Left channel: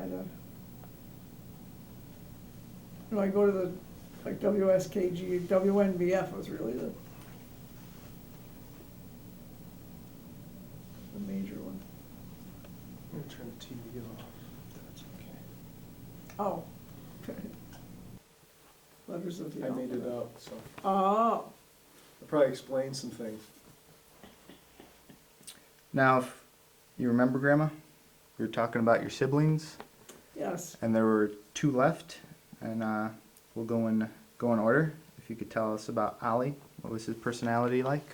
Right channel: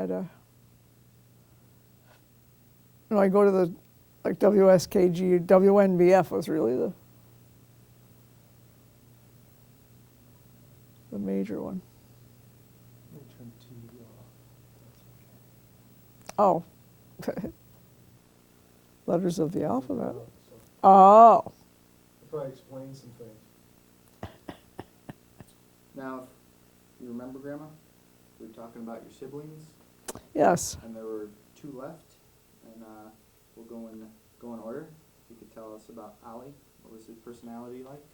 had a, I go to the, like WSKG, WNBF was really the major one. I'm gonna turn the TV off. That's okay. Oh. Letters of the I named it alphabet. out, so Oh. I'll probably explain some things. Now, if you remember, Grandma, we were talking about your siblings, Yes. and there were two left, and we'll go in order. If you could tell us about Ollie, what was his personality like?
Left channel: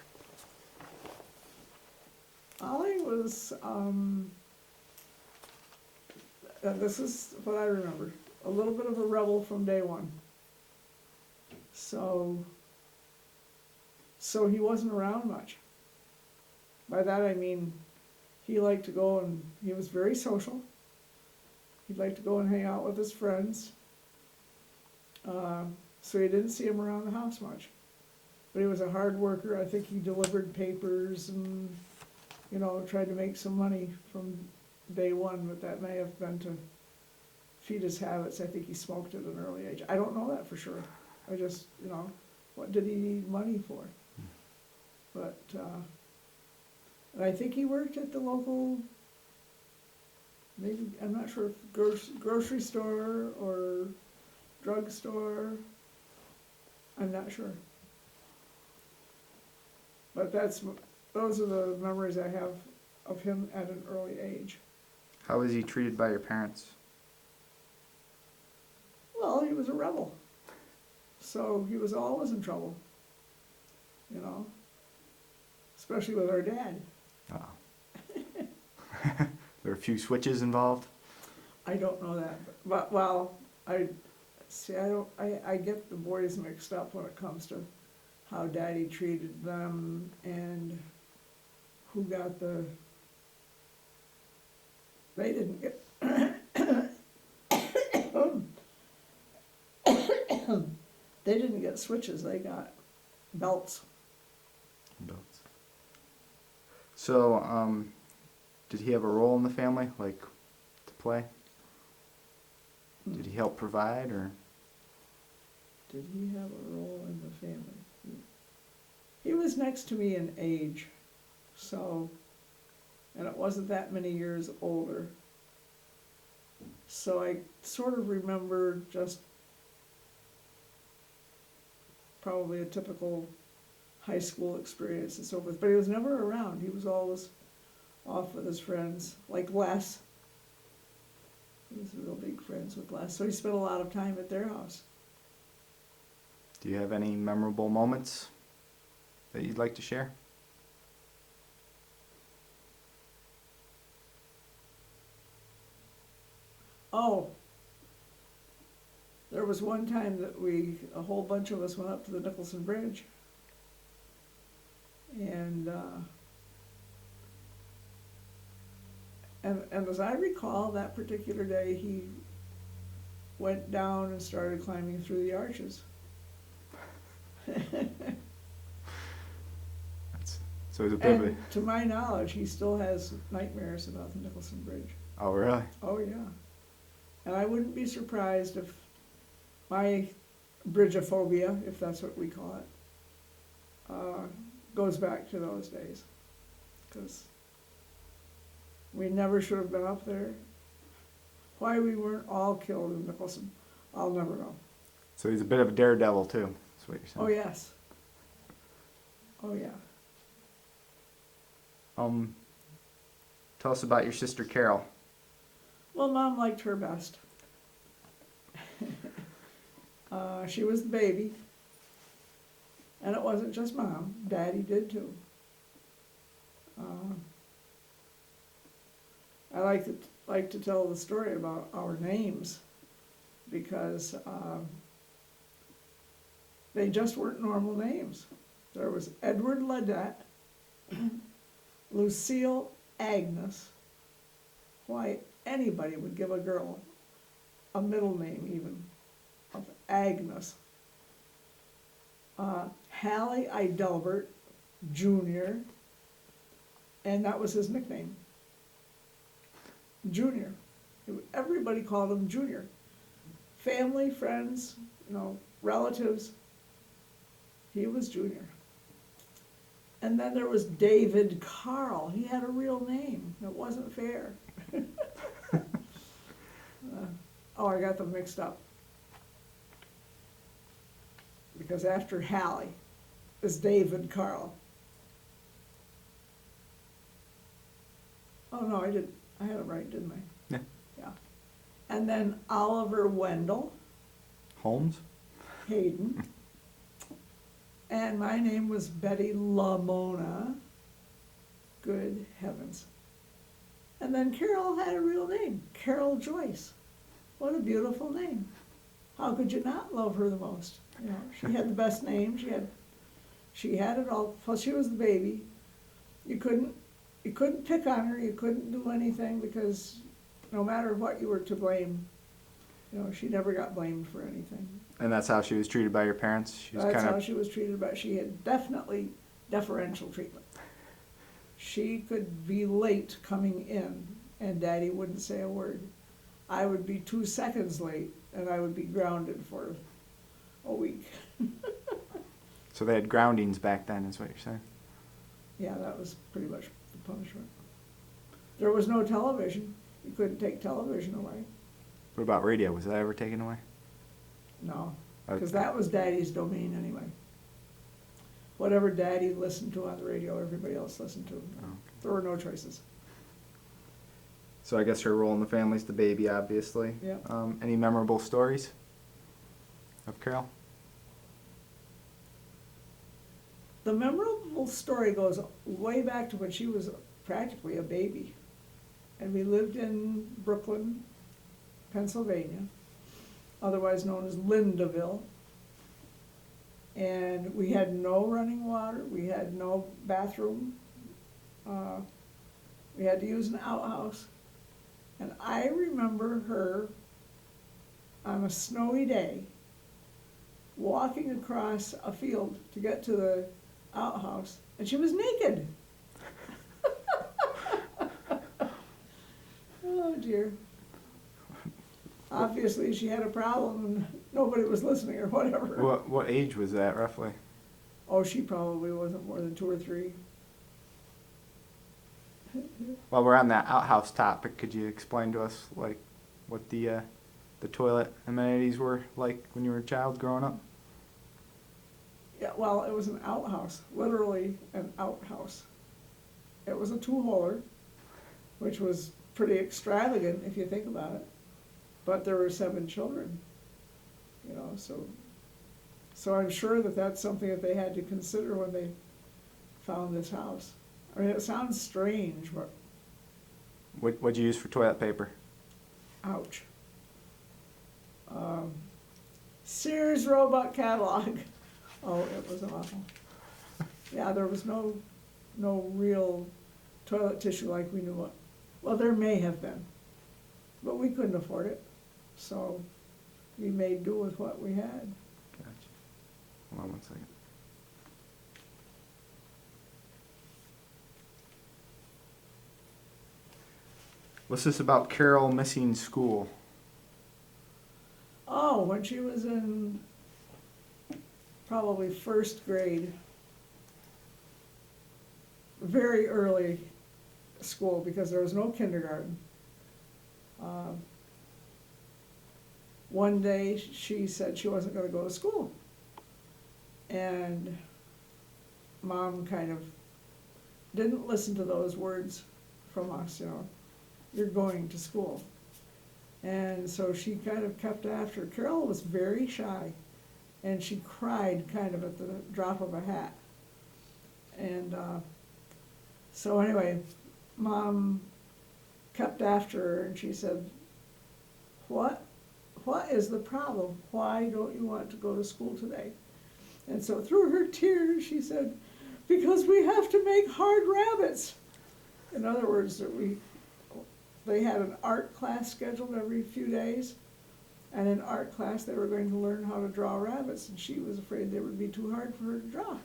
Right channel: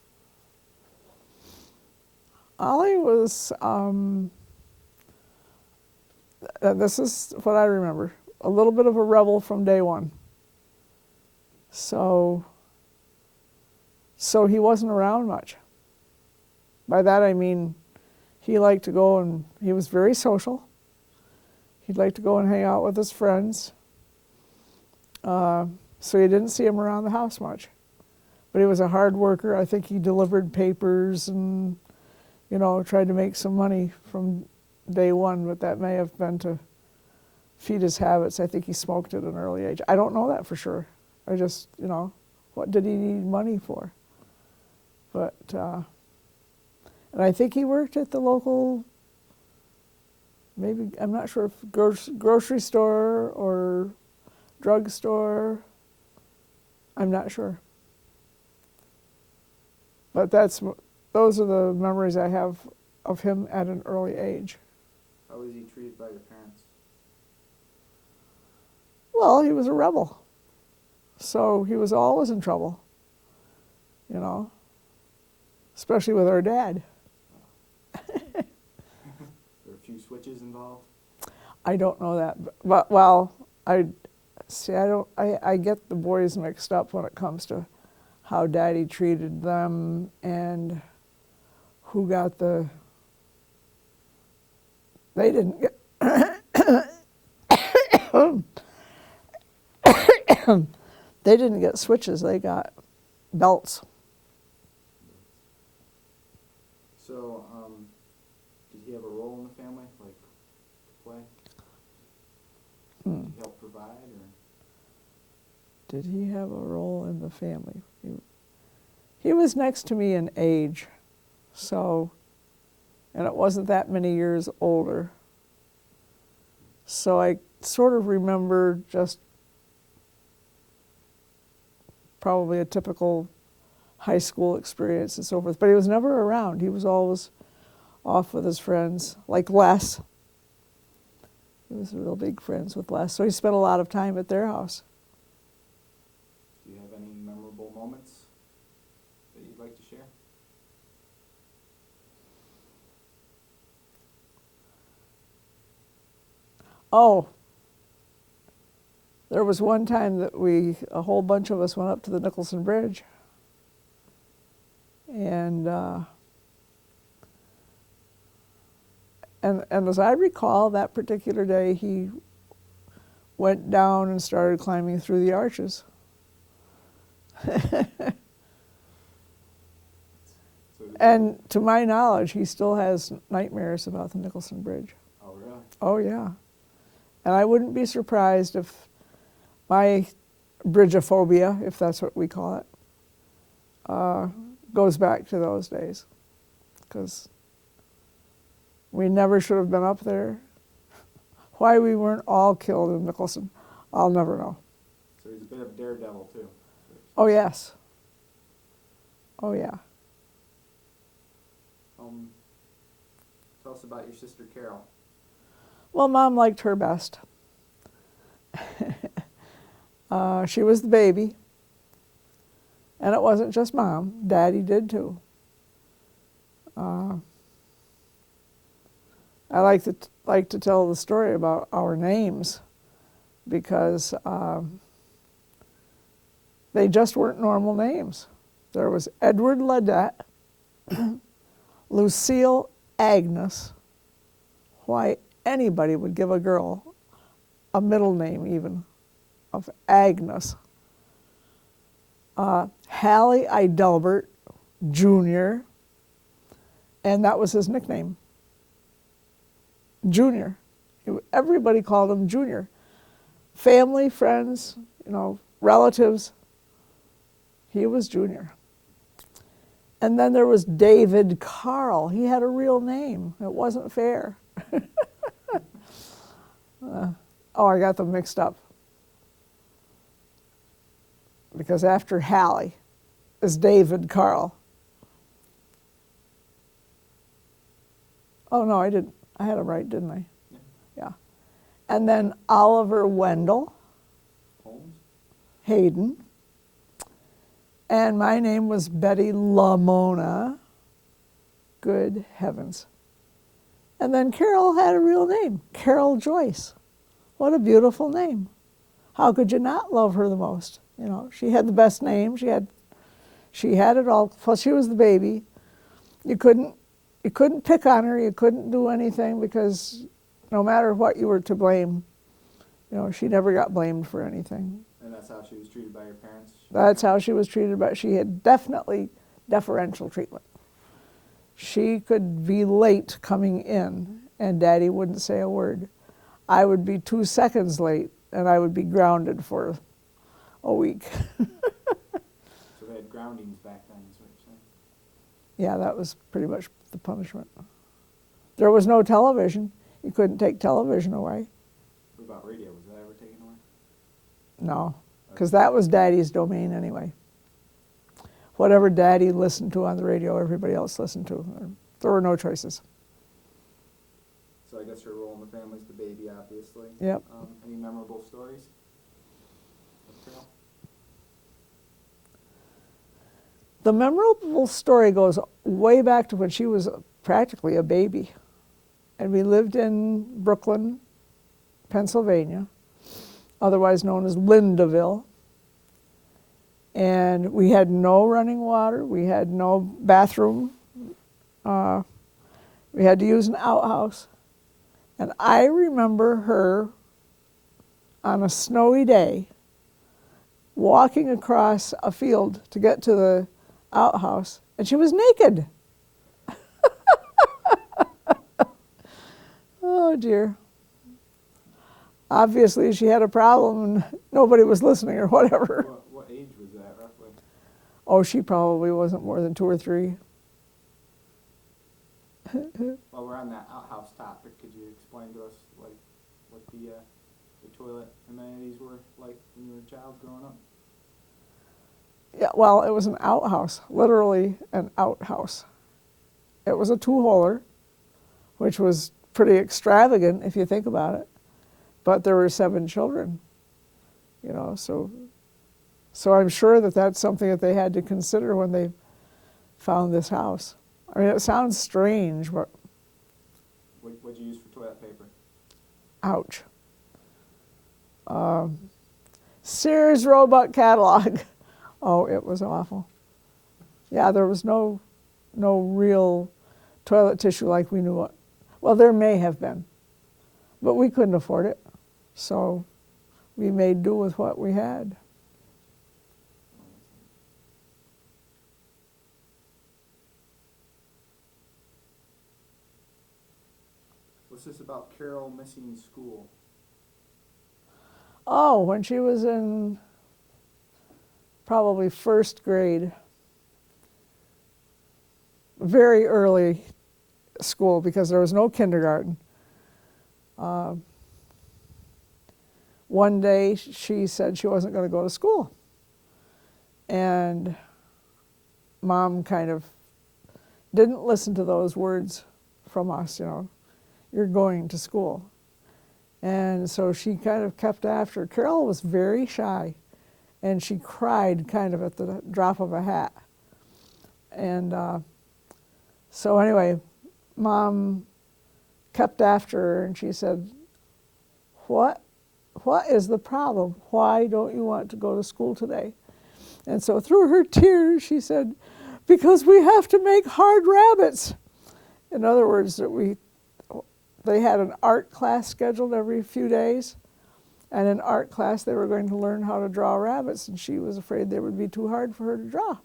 Ollie was, this is what I remember, a little bit of a rebel from day one. So he wasn't around much. By that I mean he liked to go and he was very social. He'd like to go and hang out with his friends. So you didn't see him around the house much. But he was a hard worker. I think he delivered papers and, tried to make some money from day one, but that may have been to feed his habits. I think he smoked at an early age. I don't know that for sure. I just, what did he need money for? But, and I think he worked at the local, maybe, I'm not sure if grocery store or drugstore. I'm not sure. But those are the memories I have of him at an early age. How was he treated by your parents? Well, he was a rebel. So he was always in trouble, especially with our dad. There were a few switches involved? I don't know that, but well, I get the boys mixed up when it comes to how Daddy treated them and who got they didn't get, they didn't get switches, they got belts. So, did he have a role in the family, like to play? Did he help provide, or? Did he have a role in the family? He was next to me in age, so, and it wasn't that many years older. So I sort of remember just probably a typical high school experience and so forth. But he was never around. He was always off with his friends, like Les. He was real big friends with Les. So he spent a lot of time at their house. Do you have any memorable moments that you'd like to share? Oh, there was one time that a whole bunch of us went up to the Nicholson Bridge. And as I recall, that particular day, he went down and started climbing through the arches. So it was a bit of And to my knowledge, he still has nightmares about the Nicholson Bridge. Oh, really? Oh, yeah. And I wouldn't be surprised if my bridgeophobia, if that's what we call it, goes back to those days. Because we never should have been up there. Why we weren't all killed in Nicholson, I'll never know. So he's a bit of a daredevil, too. That's what you're saying. Oh, yes. Oh, yeah. Tell us about your sister Carol. Well, Mom liked her best. She was the baby. And it wasn't just Mom. Daddy did too. I like to tell the story about our names because they just weren't normal names. There was Edward Ledette, Lucille Agnes. Why anybody would give a girl a middle name even of Agnes. Hallie Idelbert Jr., and that was his nickname, Junior. Everybody called him Junior. Family, friends, relatives. He was Junior. And then there was David Carl. He had a real name. It wasn't fair. I got them mixed up. Because after Hallie is David Carl. Oh, no, I didn't. I had it right, didn't I? Yeah. Yeah. And then Oliver Wendell Holmes? Hayden. And my name was Betty Lamona. Good heavens. And then Carol had a real name, Carol Joyce. What a beautiful name. How could you not love her the most? She had the best name. She had it all. Plus, she was the baby. You couldn't pick on her. You couldn't do anything because no matter what you were to blame, she never got blamed for anything. And that's how she was treated by your parents? That's how she was treated, but she had definitely deferential treatment. She could be late coming in, and Daddy wouldn't say a word. I would be 2 seconds late, and I would be grounded for a week. So they had groundings back then, is what you're saying? Yeah, that was pretty much the punishment. There was no television. You couldn't take television away. What about radio? Was that ever taken away? No, because that was Daddy's domain anyway. Whatever Daddy listened to on the radio, everybody else listened to. There were no choices. So I guess her role in the family is the baby, obviously. Yep. Any memorable stories of Carol? The memorable story goes way back to when she was practically a baby. And we lived in Brooklyn, Pennsylvania, otherwise known as Lindaville. And we had no running water. We had no bathroom. We had to use an outhouse. And I remember her on a snowy day walking across a field to get to the outhouse, and she was naked. Oh dear. Obviously she had a problem and nobody was listening or whatever. What age was that, roughly? Oh, she probably wasn't more than 2 or 3. While we're on that outhouse topic, could you explain to us, like, what the toilet amenities were like when you were a child growing up? Yeah, well, it was an outhouse, literally an outhouse. It was a 2-holer, which was pretty extravagant if you think about it. But there were 7 children, so I'm sure that that's something that they had to consider when they found this house. I mean, it sounds strange, but What'd you use for toilet paper? ouch. Sears Roebuck catalog. Oh, it was awful. Yeah, there was no real toilet tissue like we knew it. Well, there may have been, but we couldn't afford it. So we made do with what we had. Gotcha. Hold on one second. What's this about Carol missing school? Oh, when she was in probably 1st grade, very early school because there was no kindergarten. One day she said she wasn't going to go to school. And Mom kind of didn't listen to those words from us, you're going to school. And so she kind of kept after. Carol was very shy, and she cried kind of at the drop of a hat. And so anyway, Mom kept after her, and she said, what is the problem? Why don't you want to go to school today? And so through her tears, she said, because we have to make hard rabbits. In other words, they had an art class scheduled every few days, and in art class they were going to learn how to draw rabbits, and she was afraid they would be too hard for her to draw.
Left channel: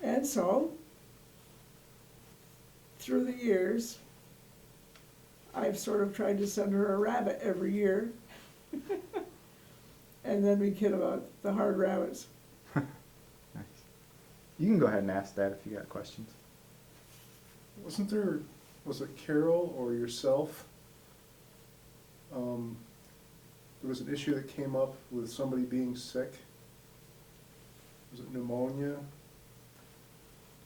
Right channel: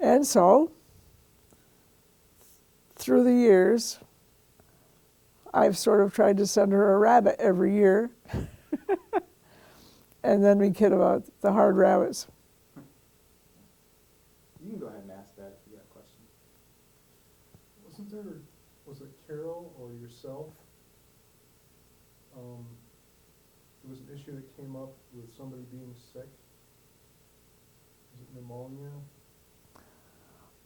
And so, through the years, I've sort of tried to send her a rabbit every year. And then we kid about the hard rabbits. Nice. You can go ahead and ask that if you got questions. Was it Carol or yourself? There was an issue that came up with somebody being sick. Was it pneumonia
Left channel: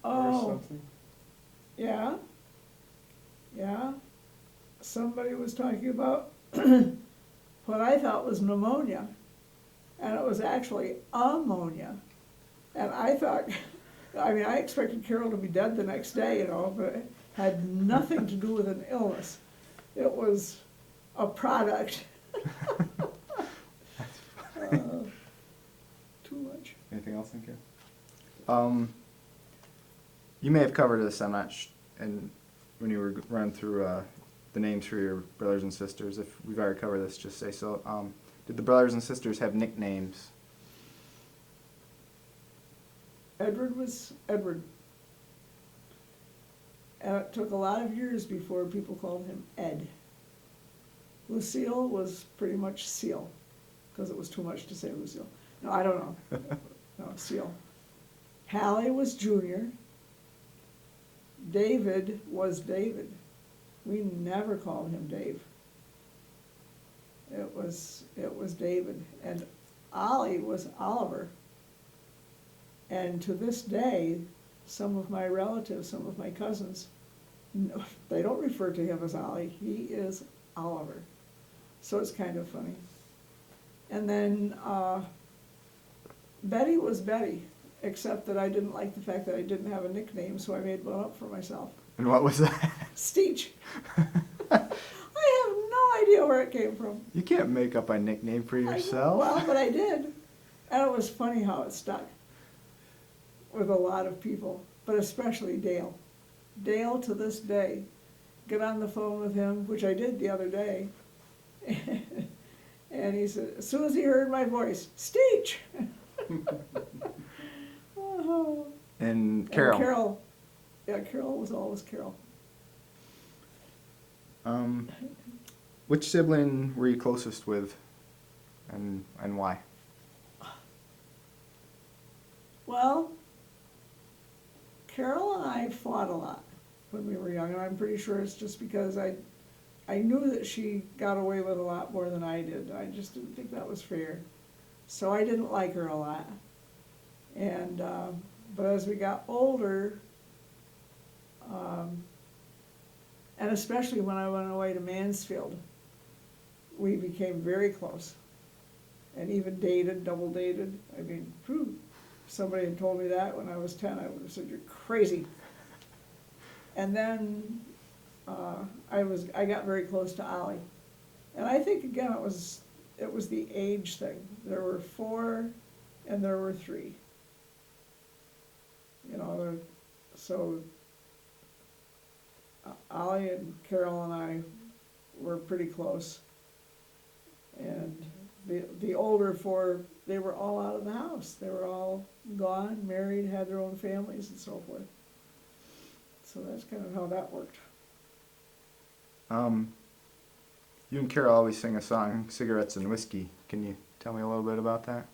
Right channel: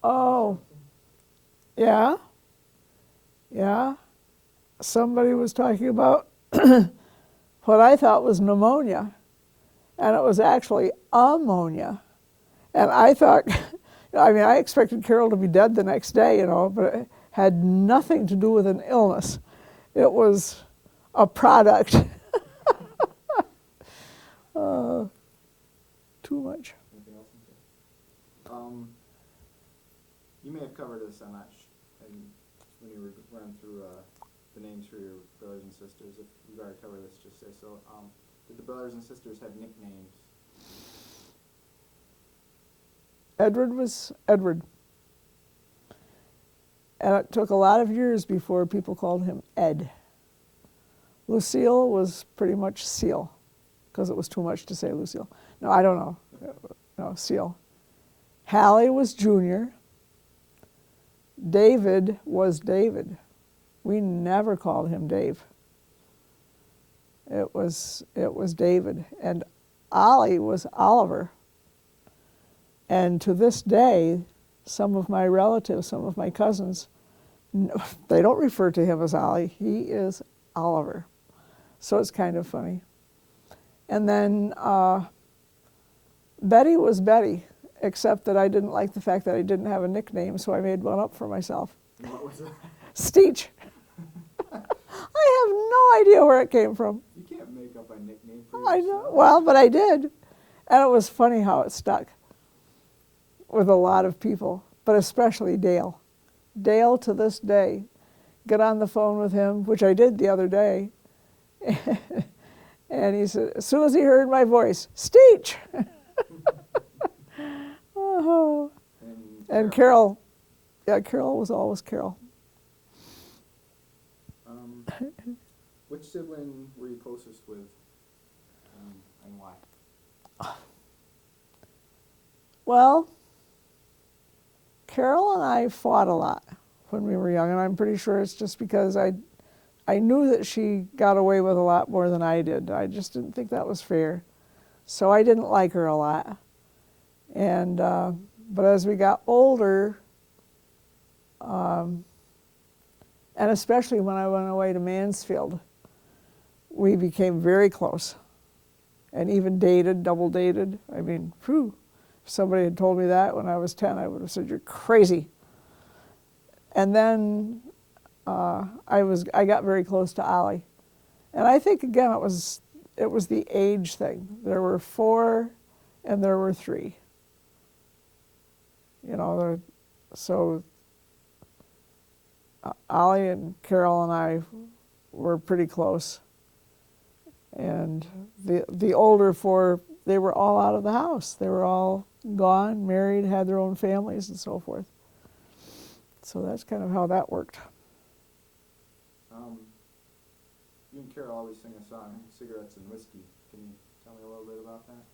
or Oh, something? yeah. Yeah. Somebody was talking about what I thought was pneumonia, and it was actually ammonia. And I thought, I mean, I expected Carol to be dead the next day, you know, but it had nothing to do with an illness. It was a product. Too much. Anything else, thank you? You may have covered this, I'm not and when you were running through the names for your brothers and sisters. If we've already covered this, just say so. Did the brothers and sisters have nicknames? Edward was Edward. And it took a lot of years before people called him Ed. Lucille was pretty much Seal, because it was too much to say Lucille. No, I don't know. No, Seal. Hallie was Junior. David was David. We never called him Dave. It was David. And Ollie was Oliver. And to this day, some of my relatives, some of my cousins, they don't refer to him as Ollie. He is Oliver. So it's kind of funny. And then Betty was Betty, except that I didn't like the fact that I didn't have a nickname, so I made one up for myself. And what was that? Steech. I have no idea where it came from. You can't make up a nickname for I know. yourself. Well, but I did. And it was funny how it stuck with a lot of people, but especially Dale. Dale, to this day, get on the phone with him, which I did the other day, and he said, as soon as he heard my voice, Steech! Oh. And Carol. And Carol, yeah, Carol was always Carol. Which sibling were you closest with, and why? Well, Carol and I fought a lot when we were young, and I'm pretty sure it's just because I knew that she got away with a lot more than I did. I just didn't think that was fair. So I didn't like her a lot. And but as we got older, and especially when I went away to Mansfield, we became very close, and even dated, double dated. I mean, whew, if somebody had told me that when I was 10, I would have said, you're crazy. And then I got very close to Ollie. And I think, again, it was the age thing. There were 4 and there were 3. You know, so Ollie and Carol and I were pretty close. And the older 4, they were all out of the house. They were all gone, married, had their own families and so forth. So that's kind of how that worked. You and Carol always sing a song, Cigarettes and Whiskey. Can you tell me a little bit about that?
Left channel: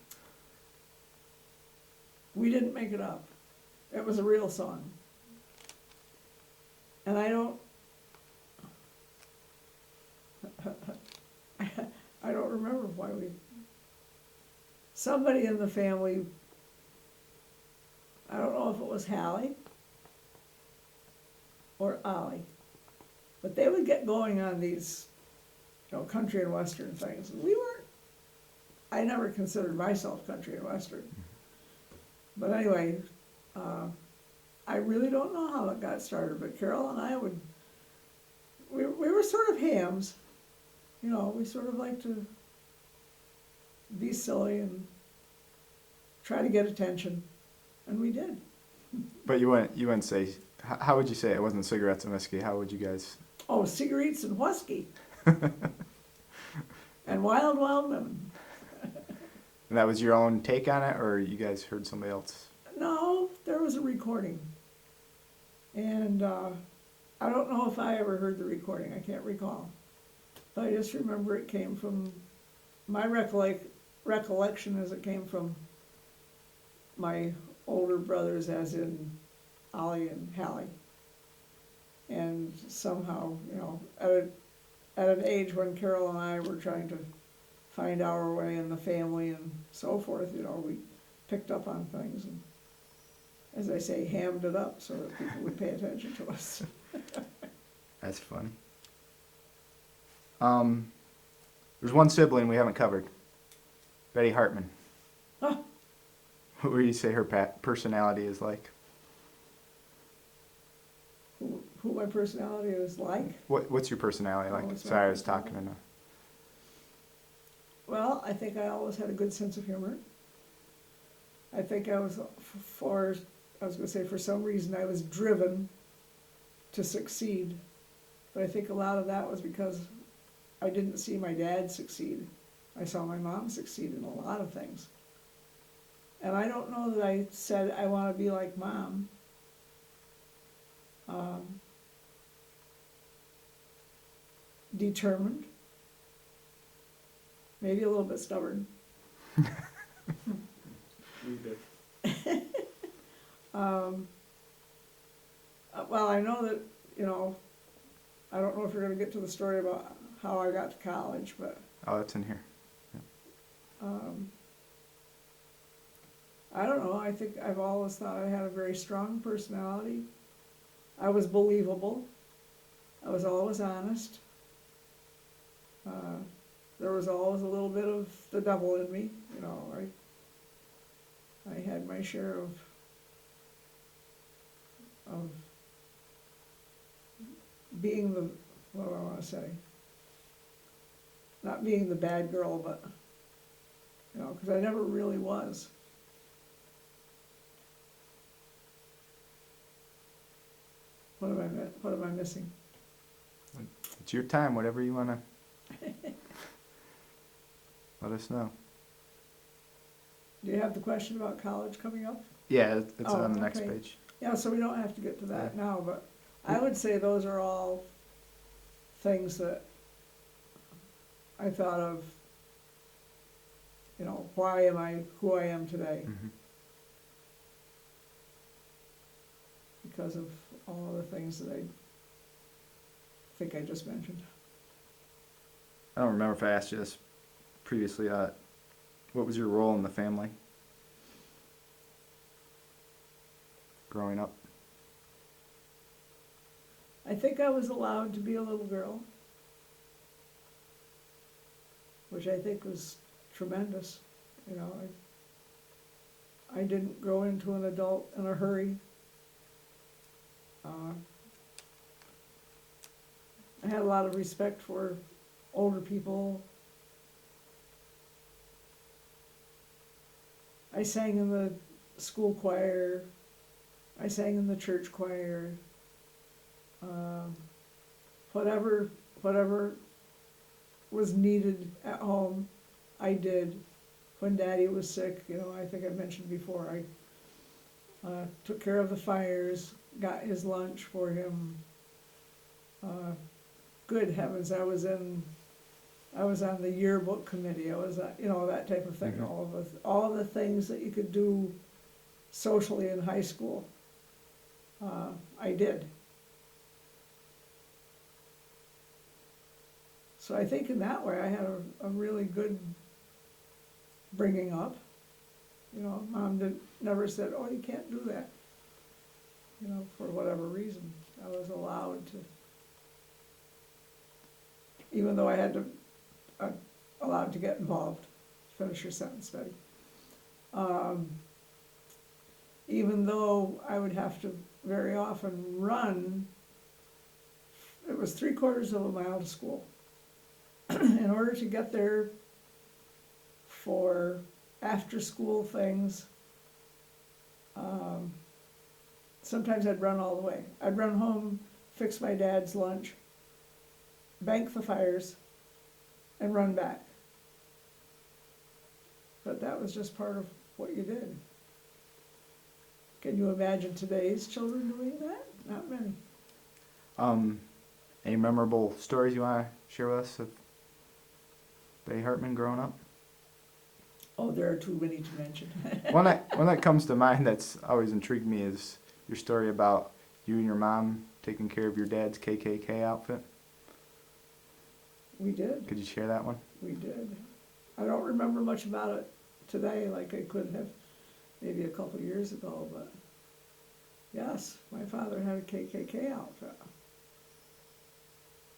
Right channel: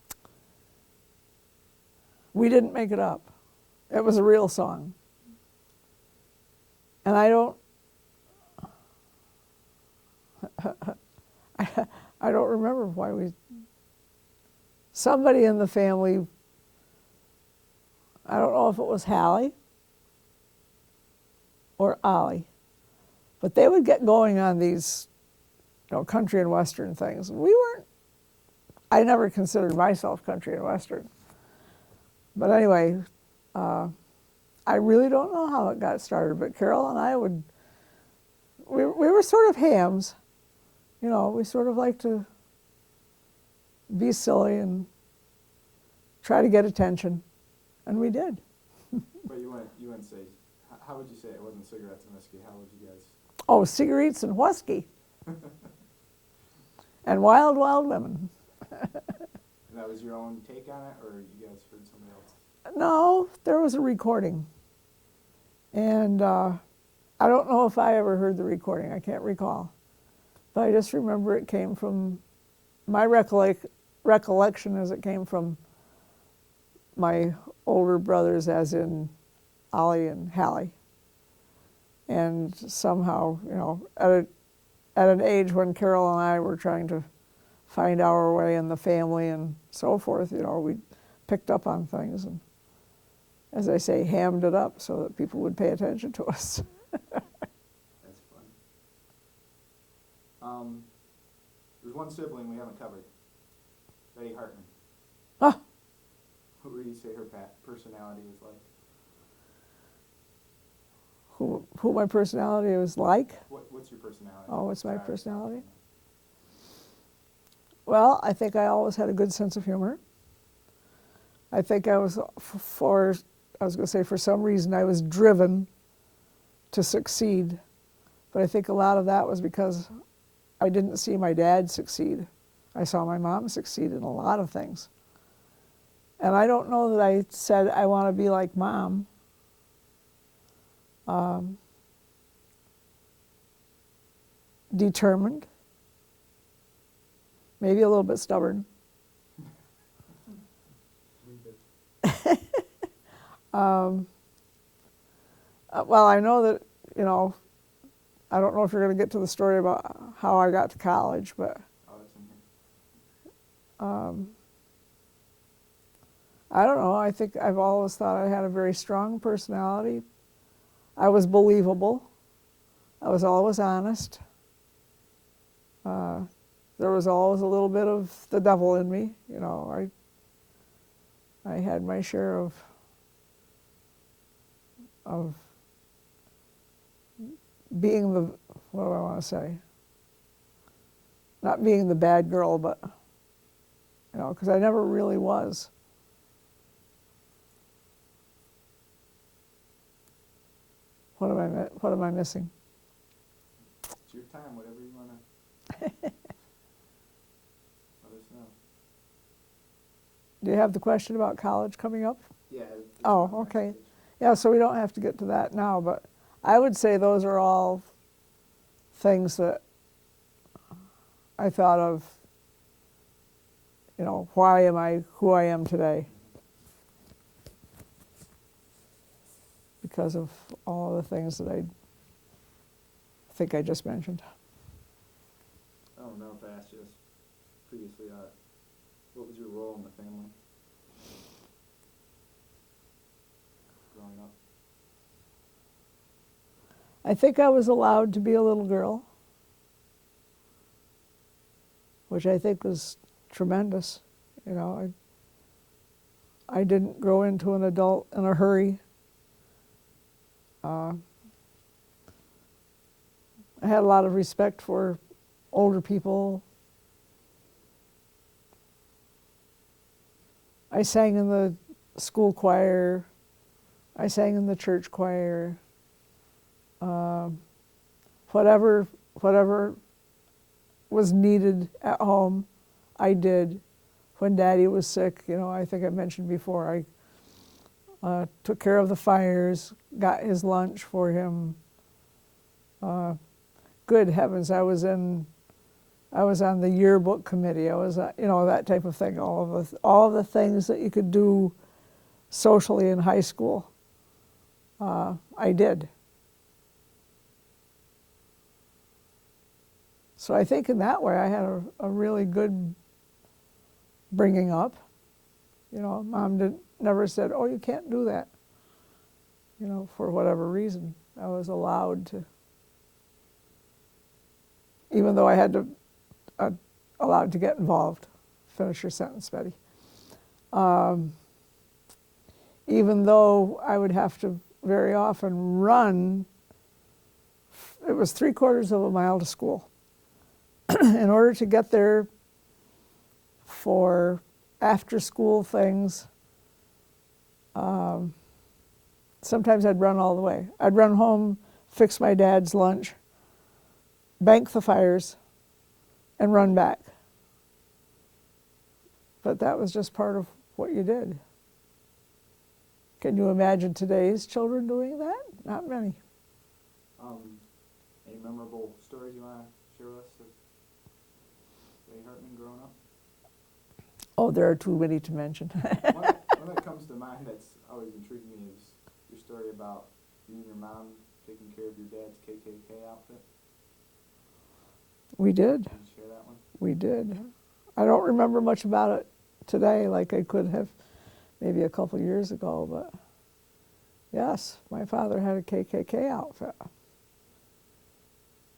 We didn't make it up. It was a real song. And I don't remember why somebody in the family, I don't know if it was Hallie or Ollie, but they would get going on these, country and western things. I never considered myself country and western. But anyway, I really don't know how it got started, but Carol and I we were sort of hams. We sort of like to be silly and try to get attention, and we did. But you wouldn't say, how would you say it? It wasn't cigarettes and whiskey. How would you guys? Oh, cigarettes and whiskey. And wild, wild women. And that was your own take on it, or you guys heard somebody else? No, there was a recording. And I don't know if I ever heard the recording, I can't recall. But I just remember it came from, my recollection is it came from my older brothers, as in Ollie and Hallie. And somehow, you know, at an age when Carol and I were trying to find our way in the family and so forth, you know, we picked up on things and, as I say, hammed it up so that people would pay attention to us. That's fun. There's one sibling we haven't covered. Betty Hartman. Huh. What would you say her personality is like? Who my personality was like? What's your personality Oh, like? what's my Sorry, I was talking personality? enough. Well, I think I always had a good sense of humor. I think I was, for some reason, I was driven to succeed. But I think a lot of that was because I didn't see my dad succeed. I saw my mom succeed in a lot of things. And I don't know that I said I want to be like Mom. Determined. Maybe a little bit stubborn. Well, I know that, you know, I don't know if you're going to get to the story about how I got to college, but Oh, that's in here. I don't know. I think I've always thought I had a very strong personality. I was believable. I was always honest. There was always a little bit of the devil in me. You know, I had my share of being the, what do I want to say? Not being the bad girl, but, you know, because I never really was. What am I missing? It's your time, whatever you want to let us know. Do you have the question about college coming up? Yeah, it's Oh, on the next okay. page. Yeah, so we don't have to get to that now, but I would say those are all things that I thought of, you know, why am I who I am today? Mhm. Because of all the things that I think I just mentioned. I don't remember if I asked you this previously. What was your role in the family growing up? I think I was allowed to be a little girl, which I think was tremendous. You know, I didn't grow into an adult in a hurry. I had a lot of respect for older people. I sang in the school choir. I sang in the church choir. Whatever was needed at home, I did. When Daddy was sick, you know, I think I mentioned before, I took care of the fires, got his lunch for him. Good heavens, I was on the yearbook committee. I was, you know, that type of thing. All of the things that you could do socially in high school, I did. So I think in that way I had a really good bringing up. You know, Mom never said, "Oh, you can't do that." You know, for whatever reason, I was allowed to. Even though I had to, allowed to get involved. Finish your sentence, Betty. Even though I would have to very often run, it was 3/4 of a mile to school. In order to get there for after-school things, sometimes I'd run all the way. I'd run home, fix my dad's lunch, bank the fires, and run back. But that was just part of what you did. Can you imagine today's children doing that? Not many. Any memorable stories you want to share with us of Betty Hartman growing up? Oh, there are too many to mention. One that comes to mind that's always intrigued me is your story about you and your mom taking care of your dad's KKK outfit. We did. Could you share that one? We did. I don't remember much about it today like I could have maybe a couple years ago, but yes, my father had a KKK outfit.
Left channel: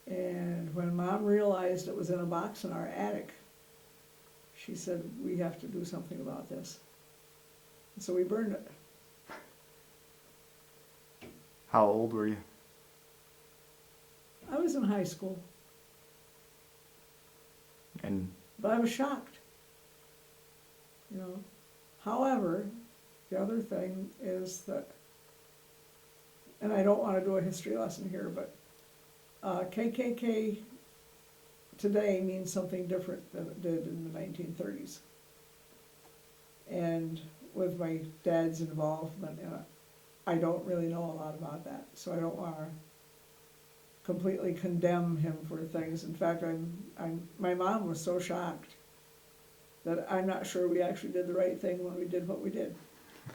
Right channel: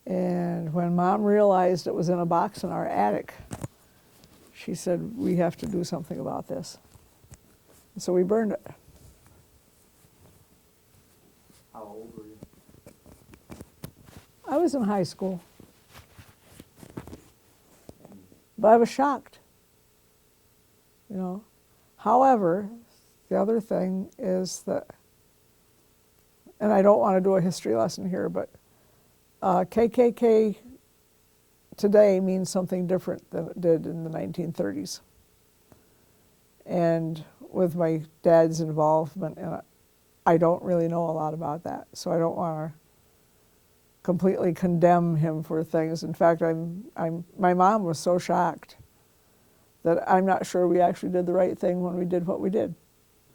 And when Mom realized it was in a box in our attic, she said, we have to do something about this. And so we burned it. How old were you? I was in high school, And but I was shocked. You know. However, the other thing is that, and I don't want to do a history lesson here, but KKK today means something different than it did in the 1930s. And with my dad's involvement in it, I don't really know a lot about that, so I don't want to completely condemn him for things. In fact, my mom was so shocked that I'm not sure we actually did the right thing when we did what we did.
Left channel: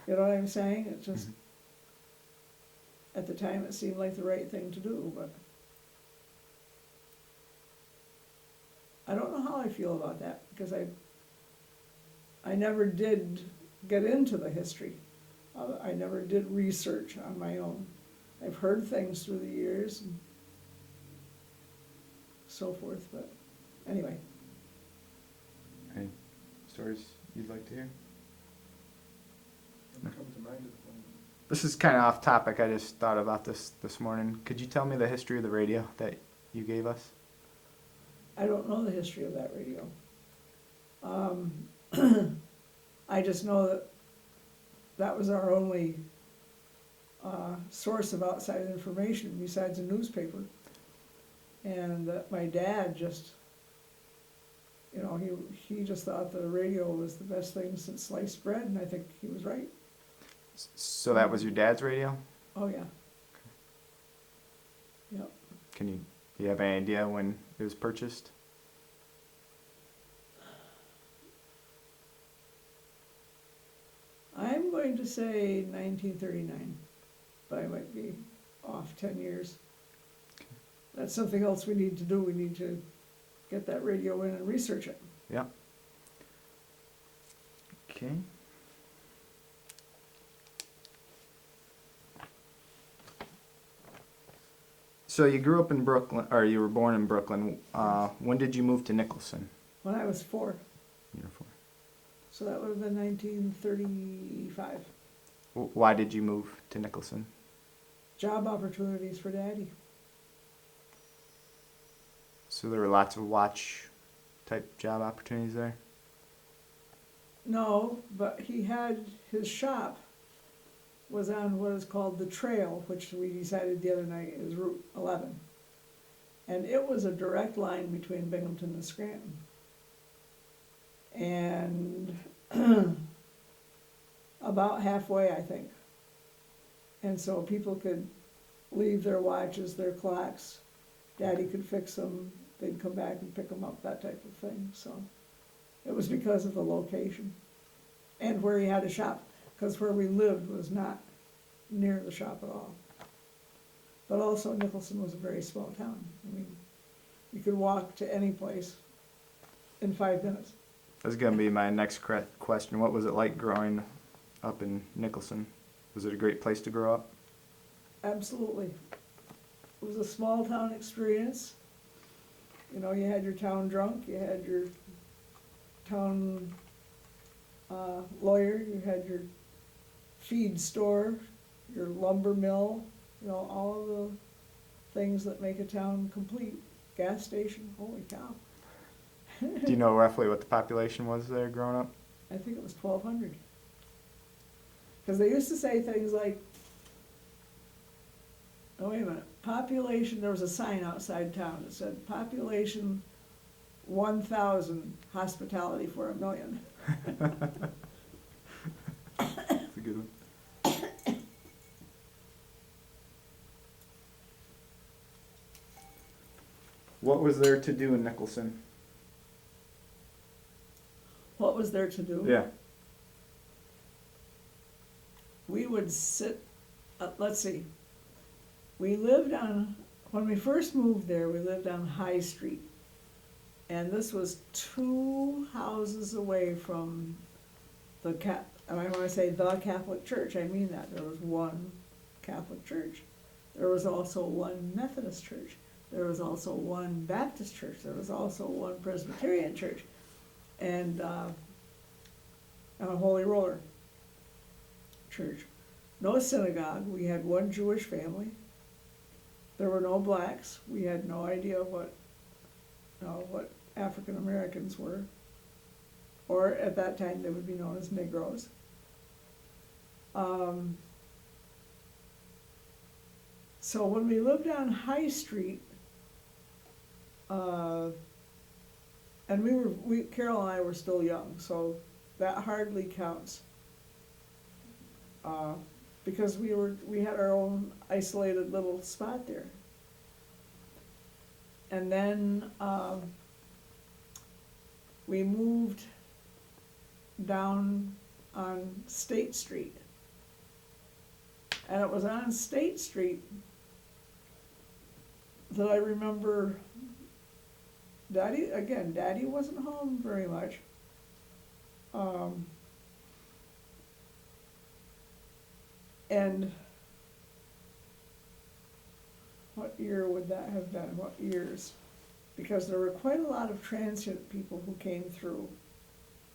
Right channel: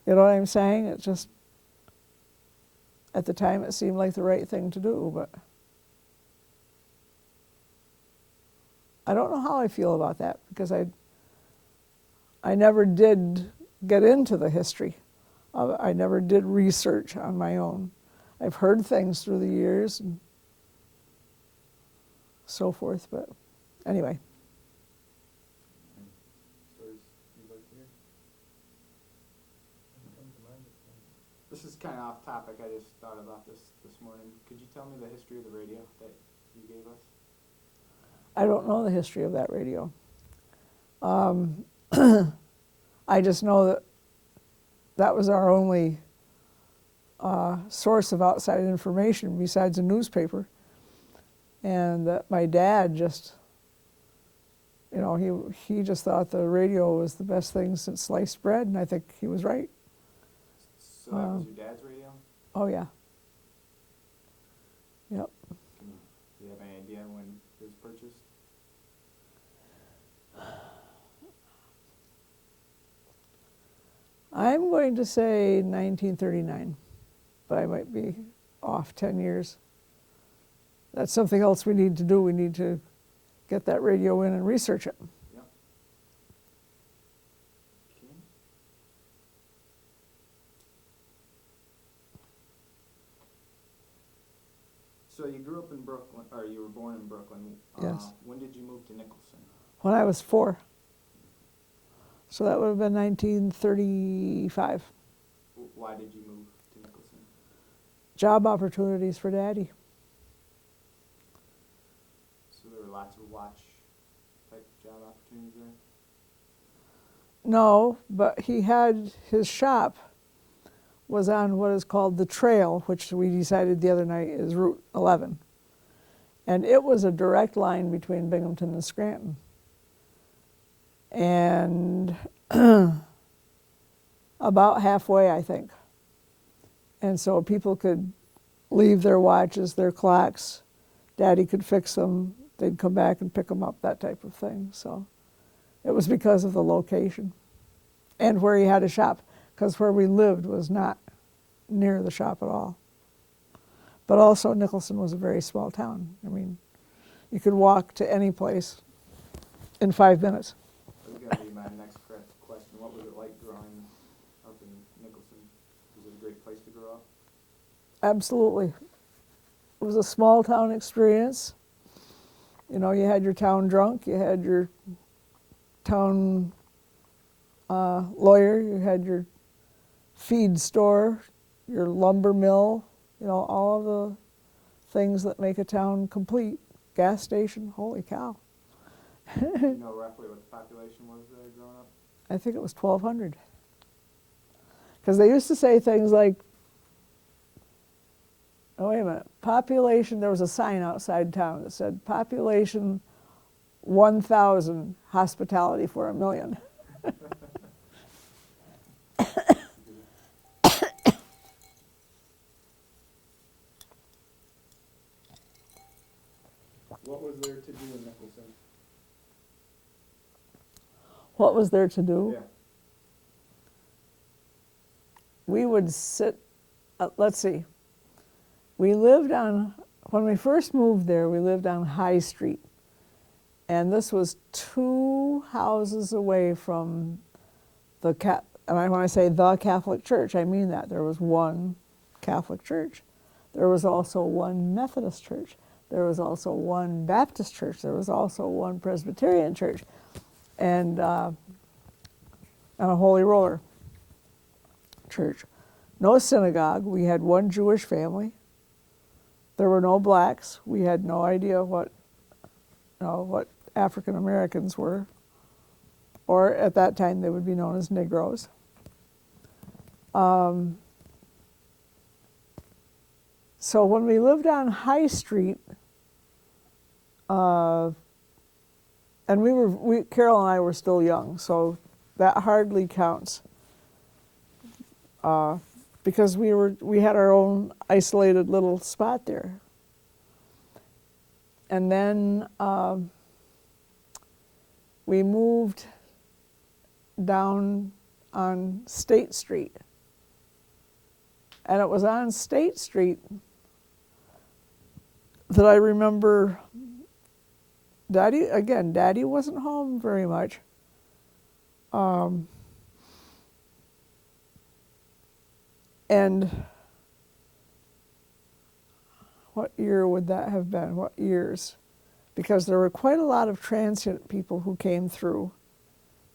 You know what I'm saying? It's just, at the time it seemed like the right thing to do, but I don't know how I feel about that, because I never did get into the history of it. I never did research on my own. I've heard things through the years and so forth, but anyway. any stories you'd like to hear? Doesn't come to mind at the moment. This is kind of off topic. I just thought about this morning. Could you tell me the history of the radio that you gave us? I don't know the history of that radio. I just know that that was our only source of outside information besides a newspaper. And that my dad just, you know, he just thought the radio was the best thing since sliced bread, and I think he was right. So that was your dad's radio? Oh, yeah. Yep. Do you have any idea when it was purchased? I'm going to say 1939, but I might be off 10 years. That's something else we need to do. We need to get that radio in and research it. Yeah. Okay. So you grew up in Brooklyn, or you were born in Brooklyn. Yes. When did you move to Nicholson? When I was 4, Beautiful. so that would have been 1935. Why did you move to Nicholson? Job opportunities for Daddy. So there were lots of watch type job opportunities there? No, but he had his shop was on what is called the Trail, which we decided the other night is Route 11. And it was a direct line between Binghamton and Scranton. And about halfway, I think. And so people could leave their watches, their clocks. Daddy could fix them. They'd come back and pick them up, that type of thing. So it was because of the location and where he had a shop, because where we lived was not near the shop at all. But also Nicholson was a very small town. I mean, you could walk to any place in 5 minutes. That's going to be my next question. What was it like growing up in Nicholson? Was it a great place to grow up? Absolutely. It was a small town experience. You know, you had your town drunk, you had your town lawyer, you had your feed store, your lumber mill, you know, all of the things that make a town complete. Gas station, holy cow. Do you know roughly what the population was there growing up? I think it was 1,200. Because they used to say things like, oh, wait a minute, population, there was a sign outside town that said, population 1,000, hospitality for 1,000,000. That's a good one. What was there to do in Nicholson? What was there to do? Yeah. We would sit, let's see, we lived on, when we first moved there, we lived on High Street. And this was 2 houses away from the and when I say the Catholic Church, I mean that. There was one Catholic church. There was also one Methodist church. There was also one Baptist church. There was also one Presbyterian church. And a Holy Roller church. No synagogue. We had one Jewish family. There were no blacks. We had no idea what African Americans were, or at that time they would be known as Negroes. So when we lived on High Street, and Carol and I were still young, so that hardly counts, because we had our own isolated little spot there. And then we moved down on State Street. And it was on State Street that I remember Daddy wasn't home very much. And what year would that have been? What years? Because there were quite a lot of transient people who came through,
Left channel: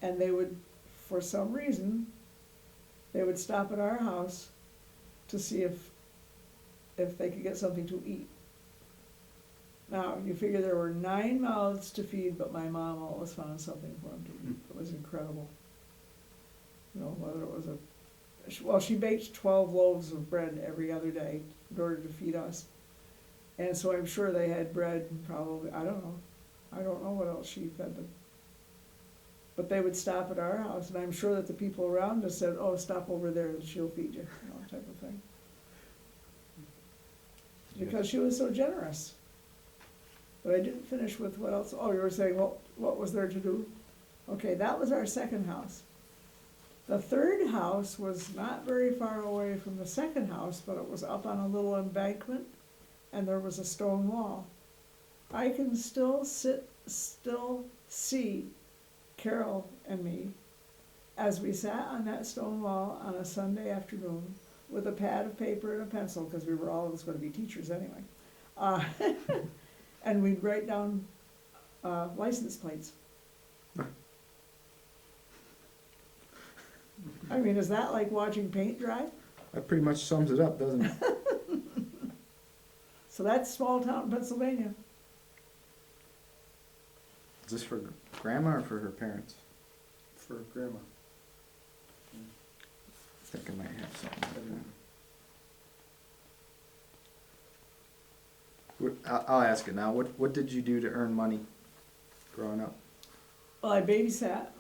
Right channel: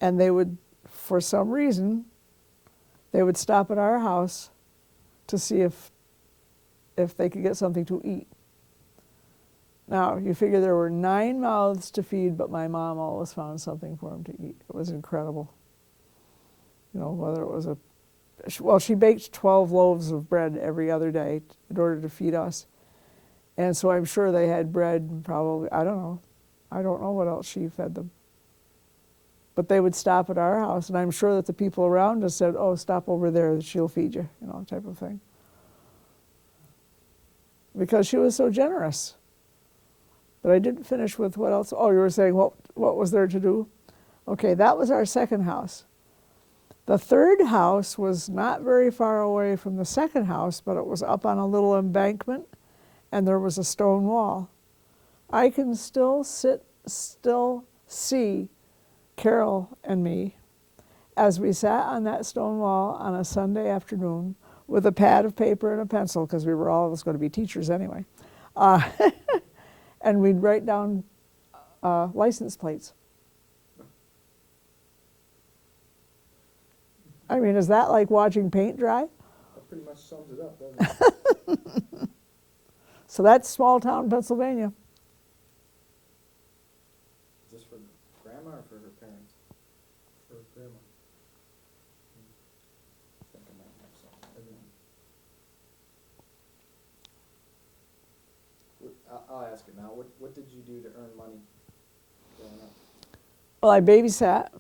and they would, for some reason, they would stop at our house to see if they could get something to eat. Now, you figure there were 9 mouths to feed, but my mom always found something for them to eat. It was incredible. You know, whether it was she baked 12 loaves of bread every other day in order to feed us. And so I'm sure they had bread, probably, I don't know what else she fed them. But they would stop at our house, and I'm sure that the people around us said, oh, stop over there, she'll feed you, type of thing. Because she was so generous. But I didn't finish with what else. Oh, you were saying what was there to do? Okay, that was our second house. The third house was not very far away from the second house, but it was up on a little embankment, and there was a stone wall. I can still see Carol and me as we sat on that stone wall on a Sunday afternoon with a pad of paper and a pencil, because we were always going to be teachers anyway. And we'd write down license plates. I mean, is that like watching paint dry? That pretty much sums it up, doesn't it? So that's small town Pennsylvania. Is this for grandma or for her parents? For grandma. I think I might have something. I'll ask it now. What did you do to earn money growing up? Well, I babysat.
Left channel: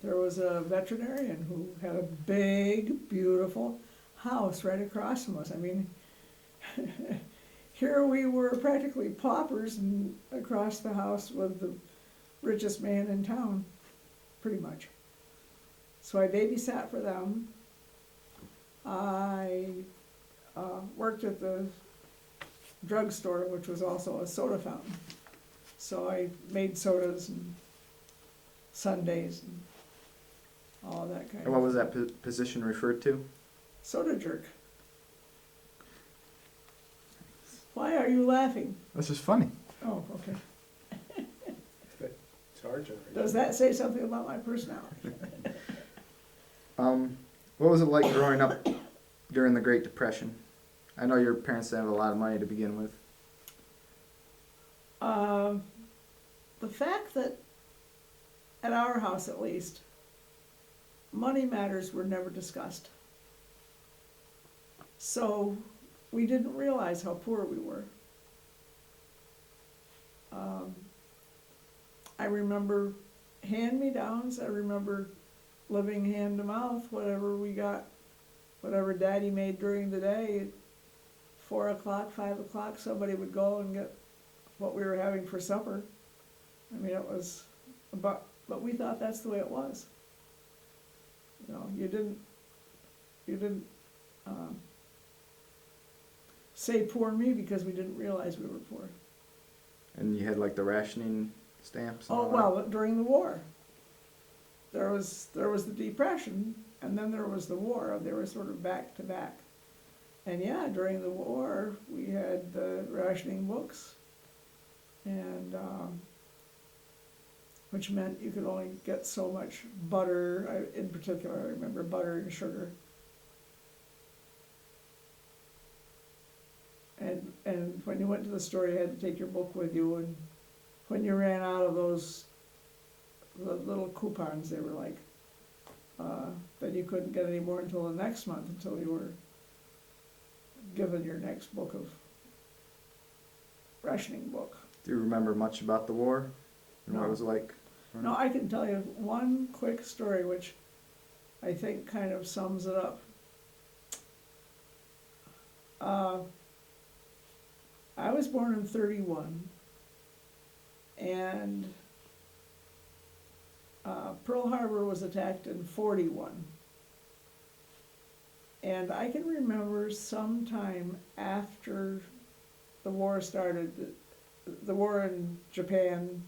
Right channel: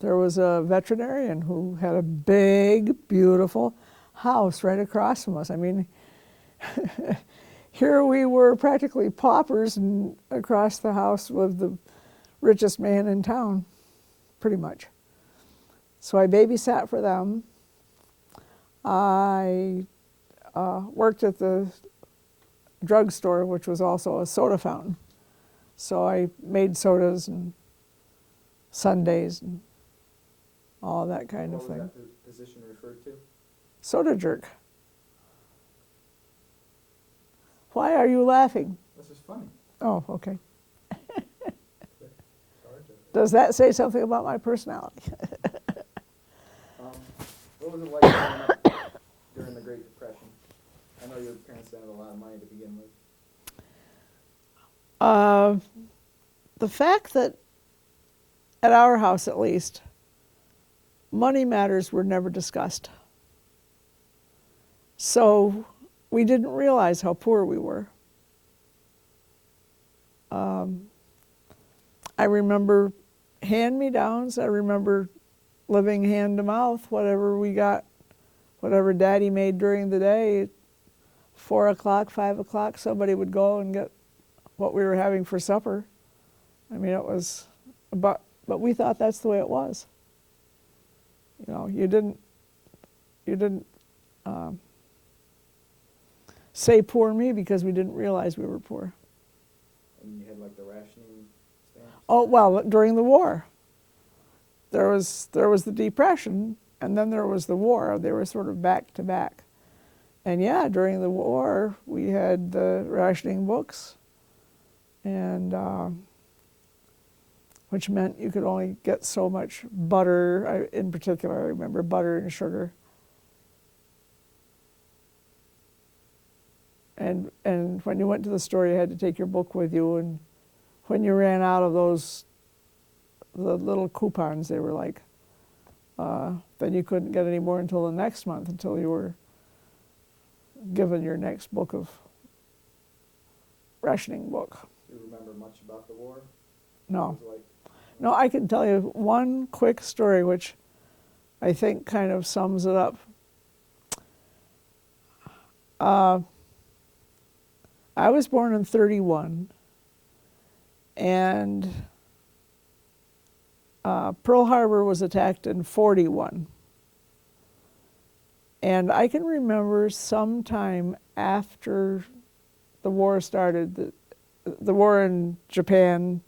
There was a veterinarian who had a big, beautiful house right across from us. I mean, here we were practically paupers, and across the house was the richest man in town, pretty much. So I babysat for them. I worked at the drugstore, which was also a soda fountain. So I made sodas and sundaes and all that kind of thing. And what was that position referred to? Soda jerk. Why are you laughing? That's just funny. Oh, okay. Sergeant. Does that say something about my personality? What was it like growing up during the Great Depression? I know your parents didn't have a lot of money to begin with. The fact that, at our house at least, money matters were never discussed. So we didn't realize how poor we were. I remember hand-me-downs. I remember living hand-to-mouth, whatever we got, whatever Daddy made during the day. 4 o'clock, 5 o'clock, somebody would go and get what we were having for supper. I mean, it was, but we thought that's the way it was. You know, you didn't say poor me because we didn't realize we were poor. And you had like the rationing stamps? Oh, well, during the war, there was the Depression, and then there was the war. They were sort of back to back. And yeah, during the war, we had the rationing books, and which meant you could only get so much butter. In particular, I remember butter and sugar. And when you went to the store, you had to take your book with you, and when you ran out of those, the little coupons, they were like, then you couldn't get any more until the next month, until you were given your next book of rationing book. Do you remember much about the war? No. What it was like? No, I can tell you one quick story which I think kind of sums it up. I was born in 31, and Pearl Harbor was attacked in 41. And I can remember sometime after the war started, the war in Japan,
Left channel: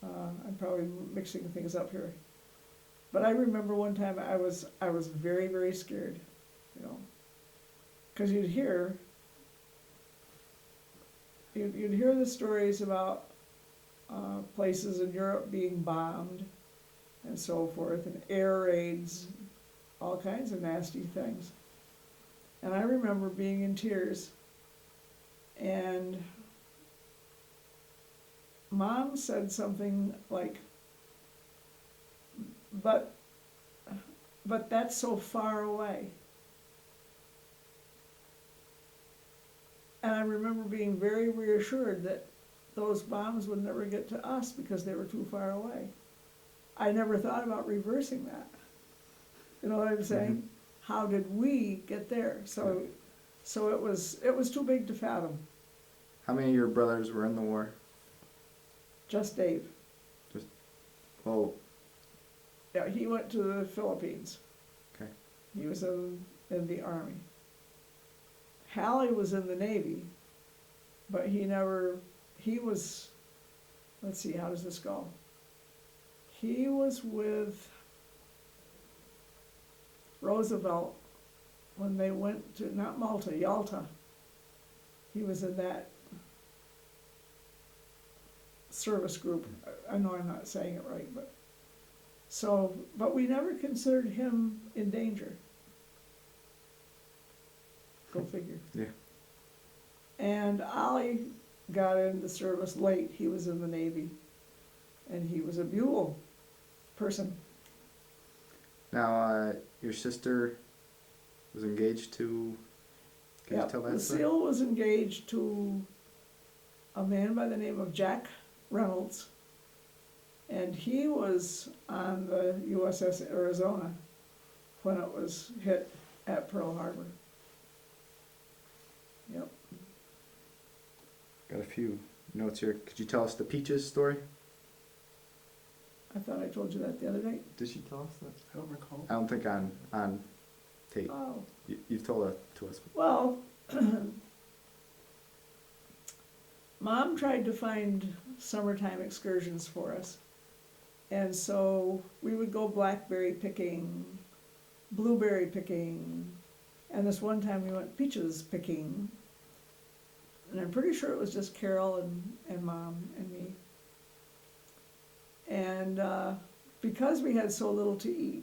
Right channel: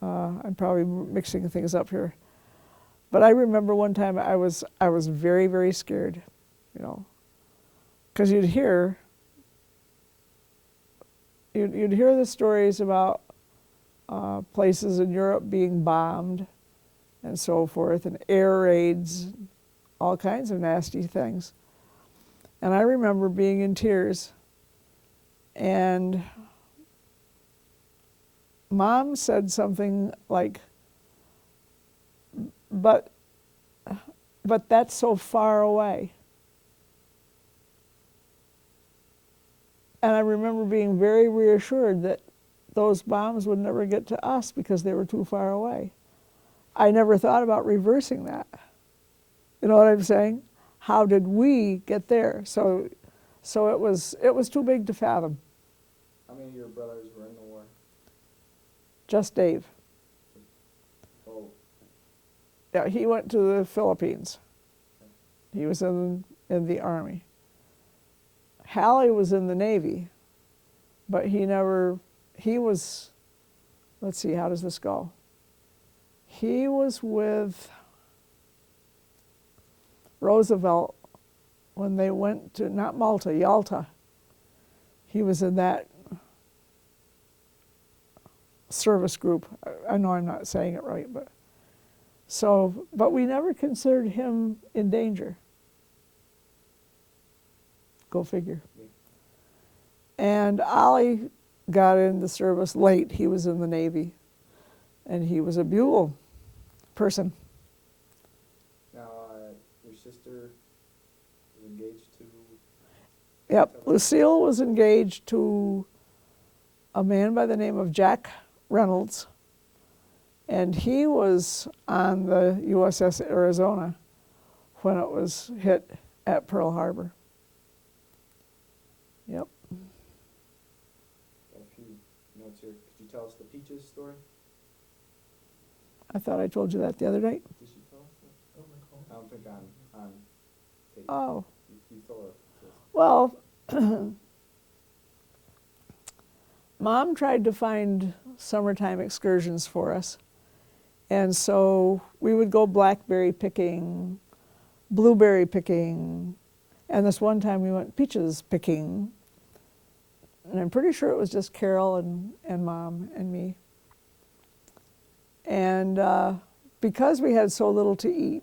I'm probably mixing things up here, but I remember one time I was very, very scared, you know, because you'd hear the stories about places in Europe being bombed and so forth, and air raids, all kinds of nasty things. And I remember being in tears, and Mom said something like, but that's so far away. And I remember being very reassured that those bombs would never get to us because they were too far away. I never thought about reversing that. You know what I'm saying? How did we get there? So it was too big to fathom. How many of your brothers were in the war? Just Dave. Oh, Yeah, he went to the Philippines. okay. He was in the Army. Hallie was in the Navy, but he was, let's see, how does this go? He was with Roosevelt when they went to, not Malta, Yalta. He was in that service group. I know I'm not saying it right, but we never considered him in danger. Go figure. Yeah. And Ollie got in the service late. He was in the Navy, and he was a Buell person. Now, your sister was engaged to... Can you Yep, tell that Lucille was engaged to a man by the name of Jack Reynolds, and he was on the USS Arizona when it was hit at Pearl Harbor. Yep. Got a few notes here. Could you tell us the Peaches story? I thought I told you that the other night. Did she tell us that? I don't recall. I don't think on tape. Oh, You've told it to us. well, Mom tried to find summertime excursions for us. And so we would go blackberry picking, blueberry picking, and this one time we went peaches picking. And I'm pretty sure it was just Carol and Mom and me. And because we had so little to eat,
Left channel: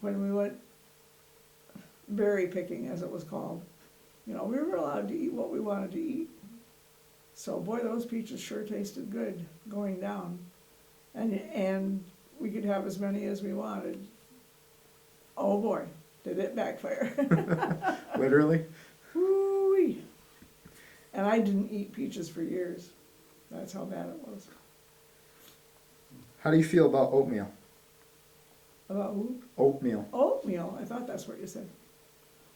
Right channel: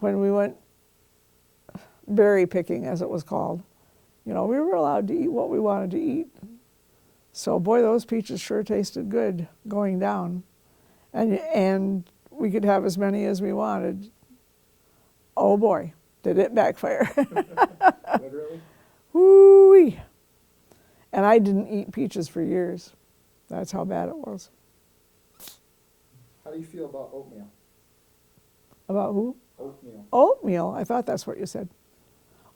when we went berry picking, as it was called, you know, we were allowed to eat what we wanted to eat. So boy, those peaches sure tasted good going down. And we could have as many as we wanted. Oh boy, did it backfire. Literally? Woo-wee. And I didn't eat peaches for years. That's how bad it was. How do you feel about oatmeal? About who? Oatmeal. Oatmeal. I thought that's what you said.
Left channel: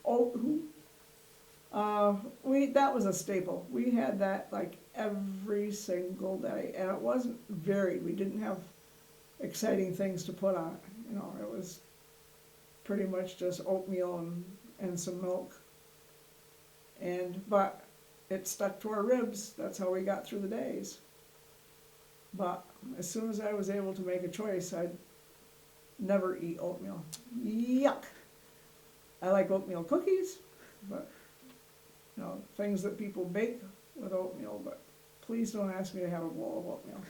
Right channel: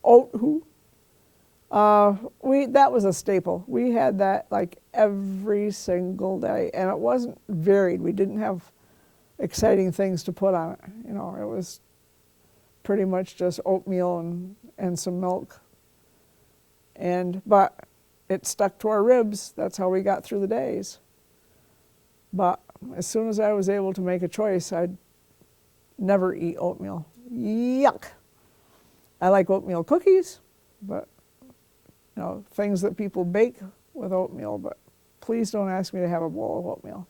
Oat who? That was a staple. We had that like every single day, and it wasn't varied. We didn't have exciting things to put on it. You know, it was pretty much just oatmeal and some milk. But it stuck to our ribs. That's how we got through the days. But as soon as I was able to make a choice, I'd never eat oatmeal. Yuck! I like oatmeal cookies, but you know, things that people bake with oatmeal, but please don't ask me to have a bowl of oatmeal.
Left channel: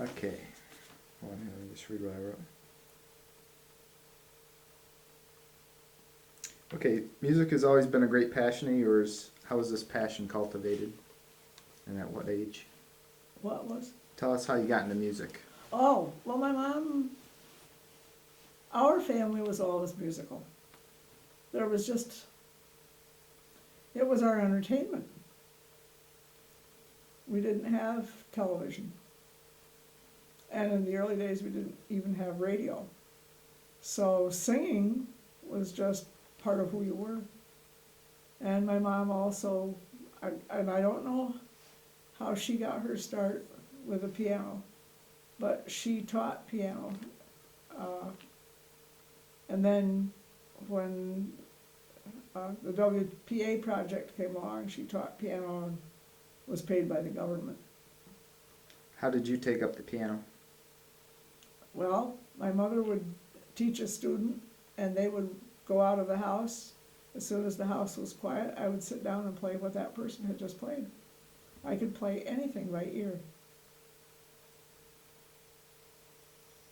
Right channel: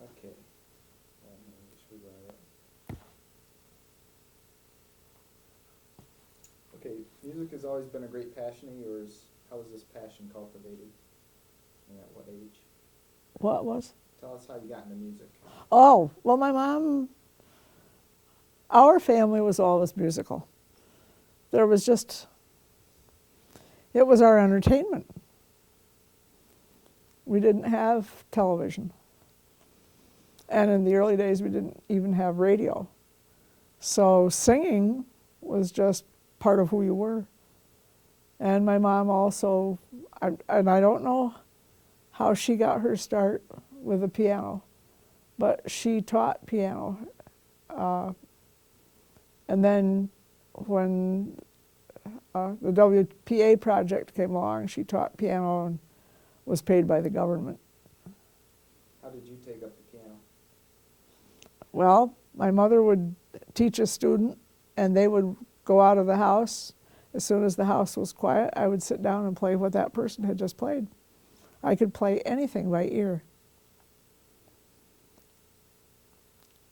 Okay. Hold on, let me just read what I wrote. Okay, music has always been a great passion of yours. How was this passion cultivated? And at what age? What was? Tell us how you got into music. Oh, well, my mom, our family was always musical. There was just, it was our entertainment. We didn't have television. And in the early days, we didn't even have radio. So singing was just part of who you were. And my mom also, and I don't know how she got her start with the piano, but she taught piano. And then when the WPA project came along, she taught piano and was paid by the government. How did you take up the piano? Well, my mother would teach a student, and they would go out of the house. As soon as the house was quiet, I would sit down and play what that person had just played. I could play anything by ear.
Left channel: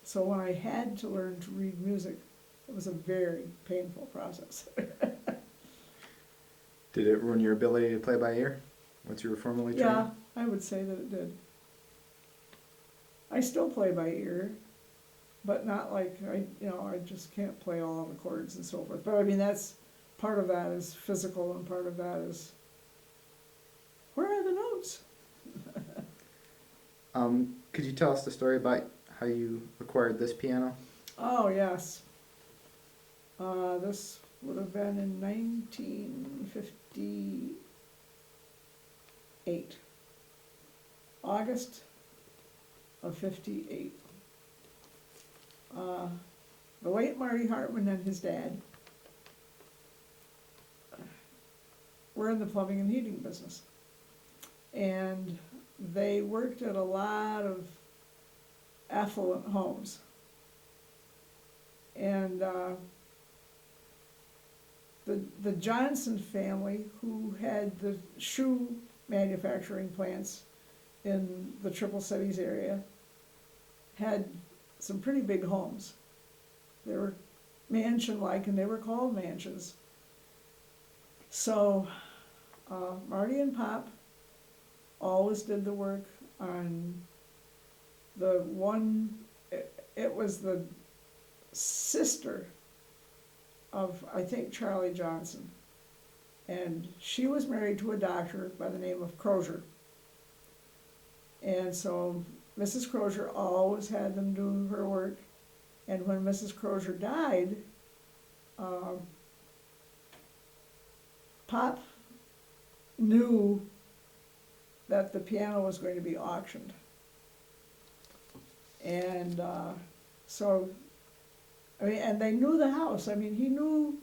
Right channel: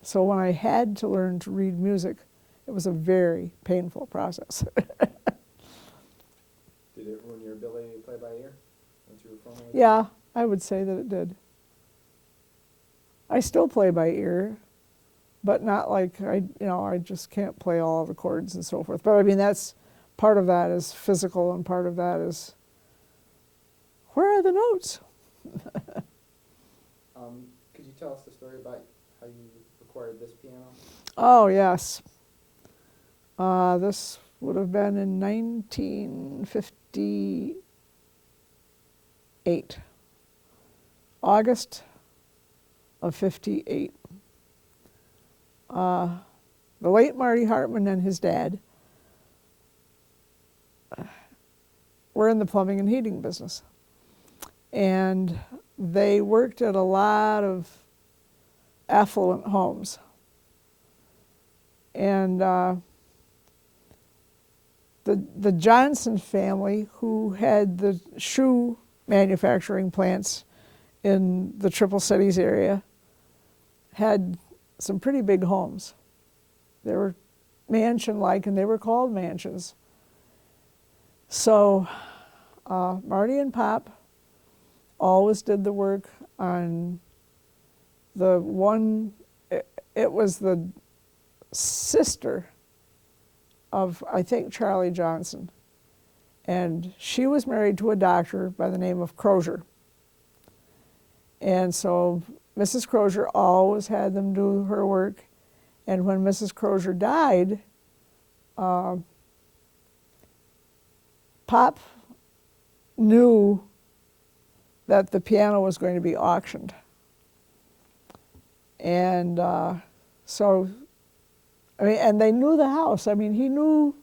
So when I had to learn to read music, it was a very painful process. Did it ruin your ability to play by ear once you were formally trained? Yeah, I would say that it did. I still play by ear, but not like I just can't play all the chords and so forth. But I mean, that's part of that is physical, and part of that is where are the notes? Could you tell us the story about how you acquired this piano? Oh yes, this would have been in 1958, August of 58. The late Marty Hartman and his dad were in the plumbing and heating business. And they worked at a lot of affluent homes. And the Johnson family, who had the shoe manufacturing plants in the Triple Cities area, had some pretty big homes. They were mansion-like, and they were called mansions. So Marty and Pop always did the work on the one, it was the sister of, I think, Charlie Johnson. And she was married to a doctor by the name of Crozier. And so Mrs. Crozier always had them do her work. And when Mrs. Crozier died, Pop knew that the piano was going to be auctioned. And so, I mean, and they knew the house. I mean, he knew,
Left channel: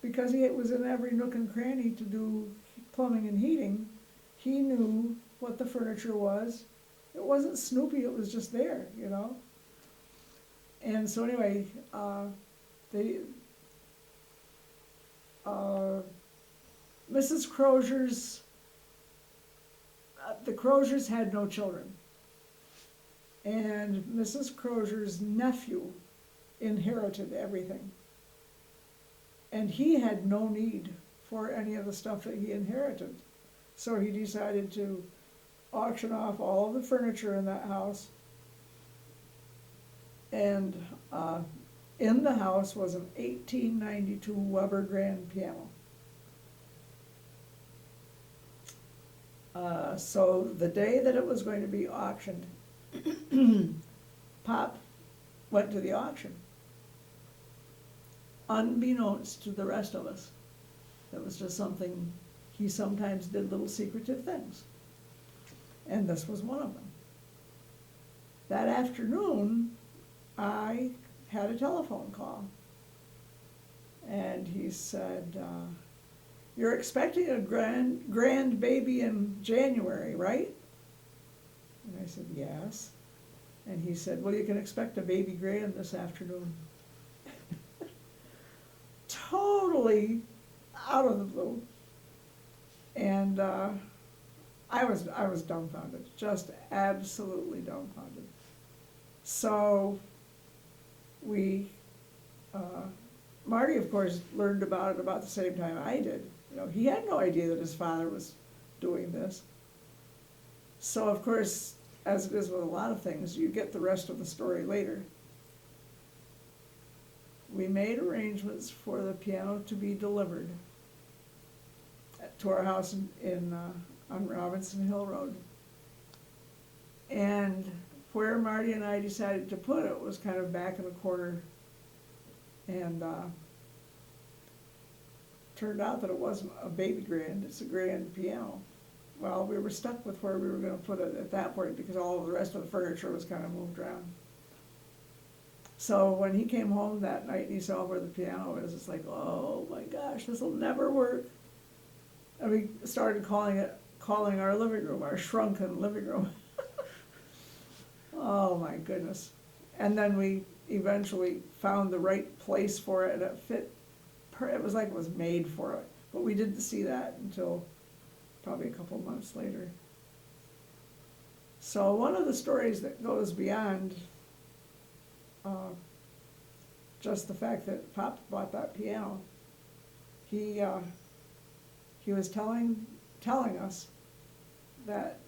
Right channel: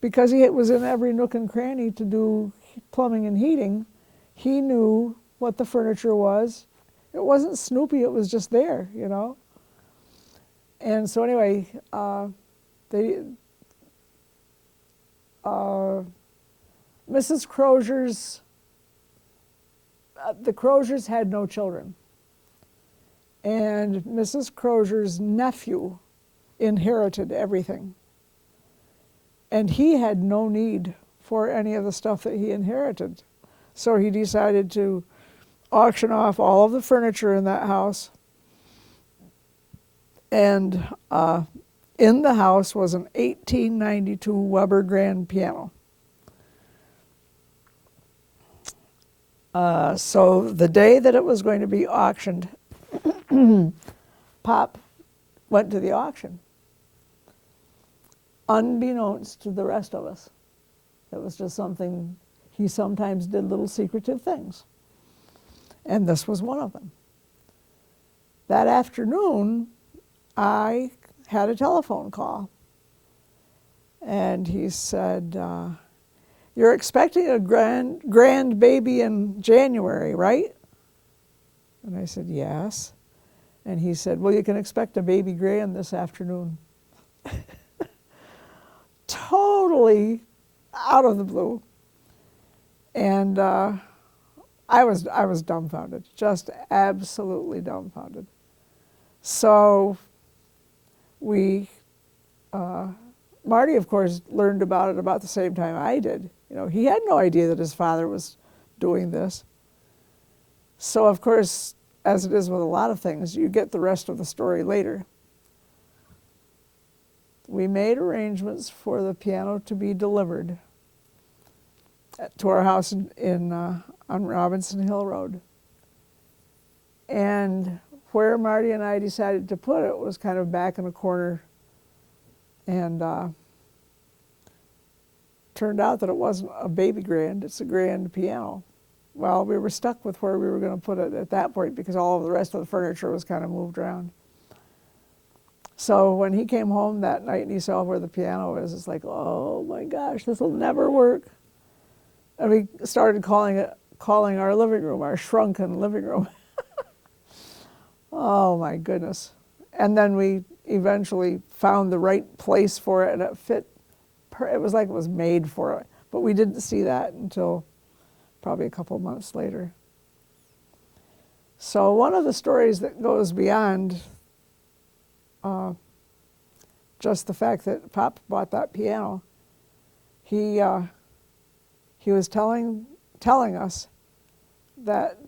because he was in every nook and cranny to do plumbing and heating, he knew what the furniture was. It wasn't Snoopy, it was just there, you know. And so anyway, Mrs. Crozier's, the Croziers had no children. And Mrs. Crozier's nephew inherited everything. And he had no need for any of the stuff that he inherited. So he decided to auction off all of the furniture in that house. And in the house was an 1892 Weber grand piano. So the day that it was going to be auctioned, Pop went to the auction. unbeknownst to the rest of us. It was just something, he sometimes did little secretive things. And this was one of them. That afternoon, I had a telephone call. And he said, you're expecting a grand baby in January, right? And I said, yes. And he said, well, you can expect a baby grand this afternoon. Totally out of the blue. And I was dumbfounded, just absolutely dumbfounded. So Marty, of course, learned about it about the same time I did. You know, he had no idea that his father was doing this. So, of course, as it is with a lot of things, you get the rest of the story later. We made arrangements for the piano to be delivered to our house on Robinson Hill Road. And where Marty and I decided to put it was kind of back in a corner, and turned out that it wasn't a baby grand, it's a grand piano. Well, we were stuck with where we were going to put it at that point because all of the rest of the furniture was kind of moved around. So when he came home that night and he saw where the piano is, it's like, oh my gosh, this will never work. And we started calling our living room, our shrunken living room. Oh my goodness. And then we eventually found the right place for it, and it fit. It was like it was made for it. But we didn't see that until probably a couple of months later. So one of the stories that goes beyond just the fact that Pop bought that piano, he was telling us that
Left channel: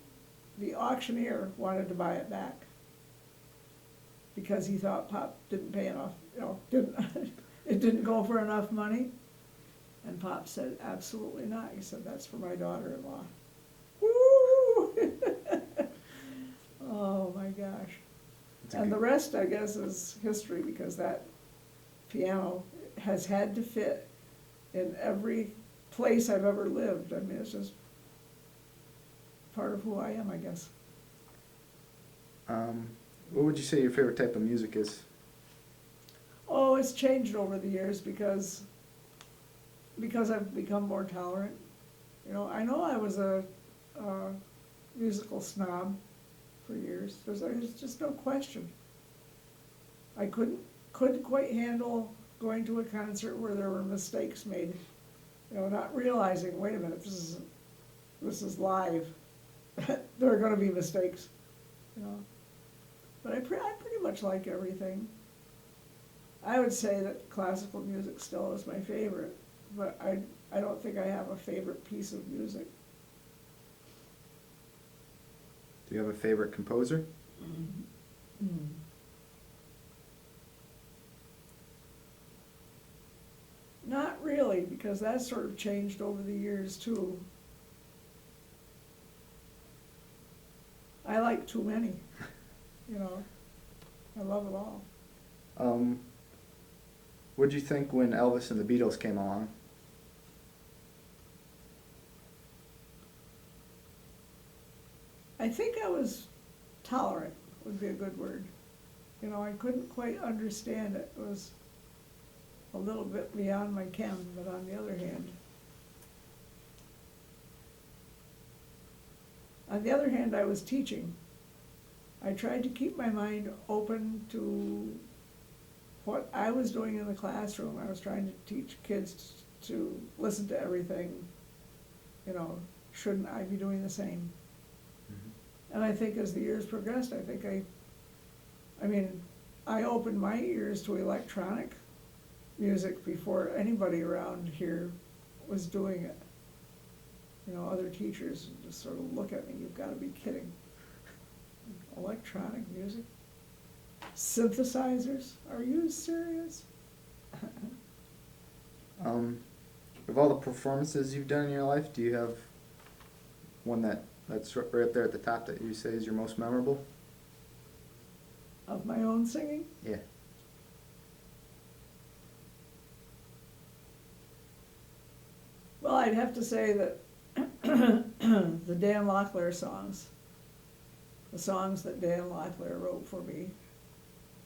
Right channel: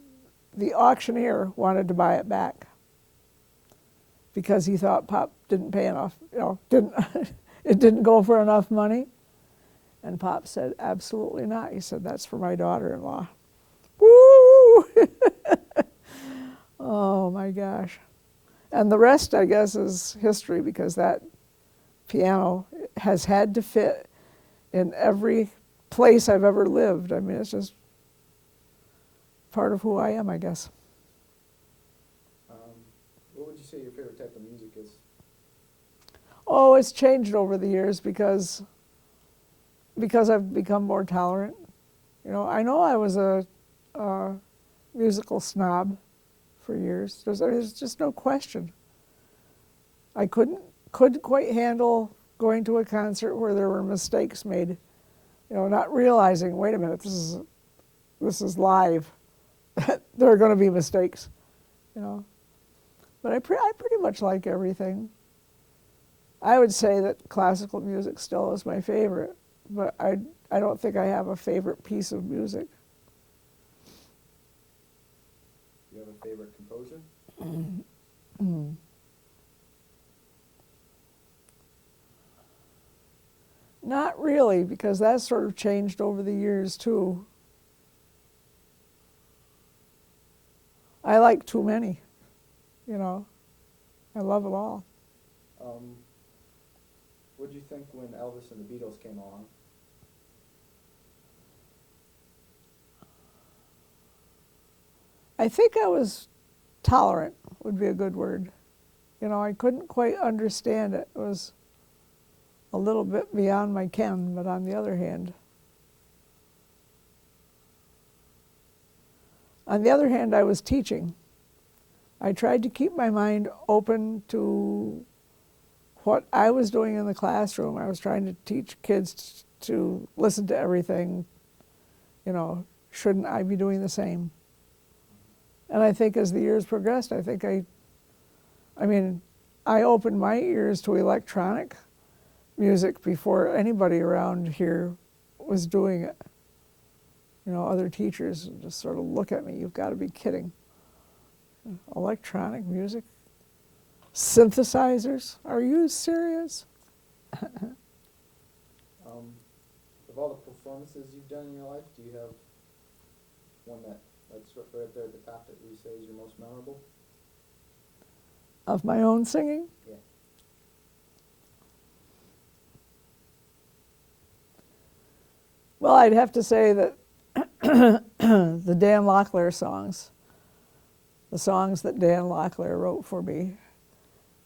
the auctioneer wanted to buy it back because he thought Pop didn't pay enough, it didn't go for enough money. And Pop said, absolutely not. He said, that's for my daughter-in-law. Woo! Oh my gosh. And the rest, I guess, is history, because that piano has had to fit in every place I've ever lived. I mean, it's just part of who I am, I guess. What would you say your favorite type of music is? Oh, it's changed over the years because I've become more tolerant. You know I was a musical snob for years. There's just no question. I couldn't quite handle going to a concert where there were mistakes made. You know, not realizing, wait a minute, this is live. There are going to be mistakes. You know, but I pretty much like everything. I would say that classical music still is my favorite, but I don't think I have a favorite piece of music. Do you have a favorite composer? Not really, because that's sort of changed over the years too. I like too many, you know. I love it all. What did you think when Elvis and the Beatles came along? I think I was tolerant, would be a good word. You know, I couldn't quite understand it. It was a little bit beyond my ken, but on the other hand, I was teaching. I tried to keep my mind open to what I was doing in the classroom. I was trying to teach kids to listen to everything. You know, shouldn't I be doing the same? And I think as the years progressed, I think I opened my ears to electronic music before anybody around here was doing it. You know, other teachers just sort of look at me, you've got to be kidding. Electronic music? Synthesizers? Are you serious? Of all the performances you've done in your life, do you have one that's right up there at the top that you say is your most memorable? Of my own singing? Yeah. Well, I'd have to say that the Dan Locklear songs, the songs that Dan Locklear wrote for me,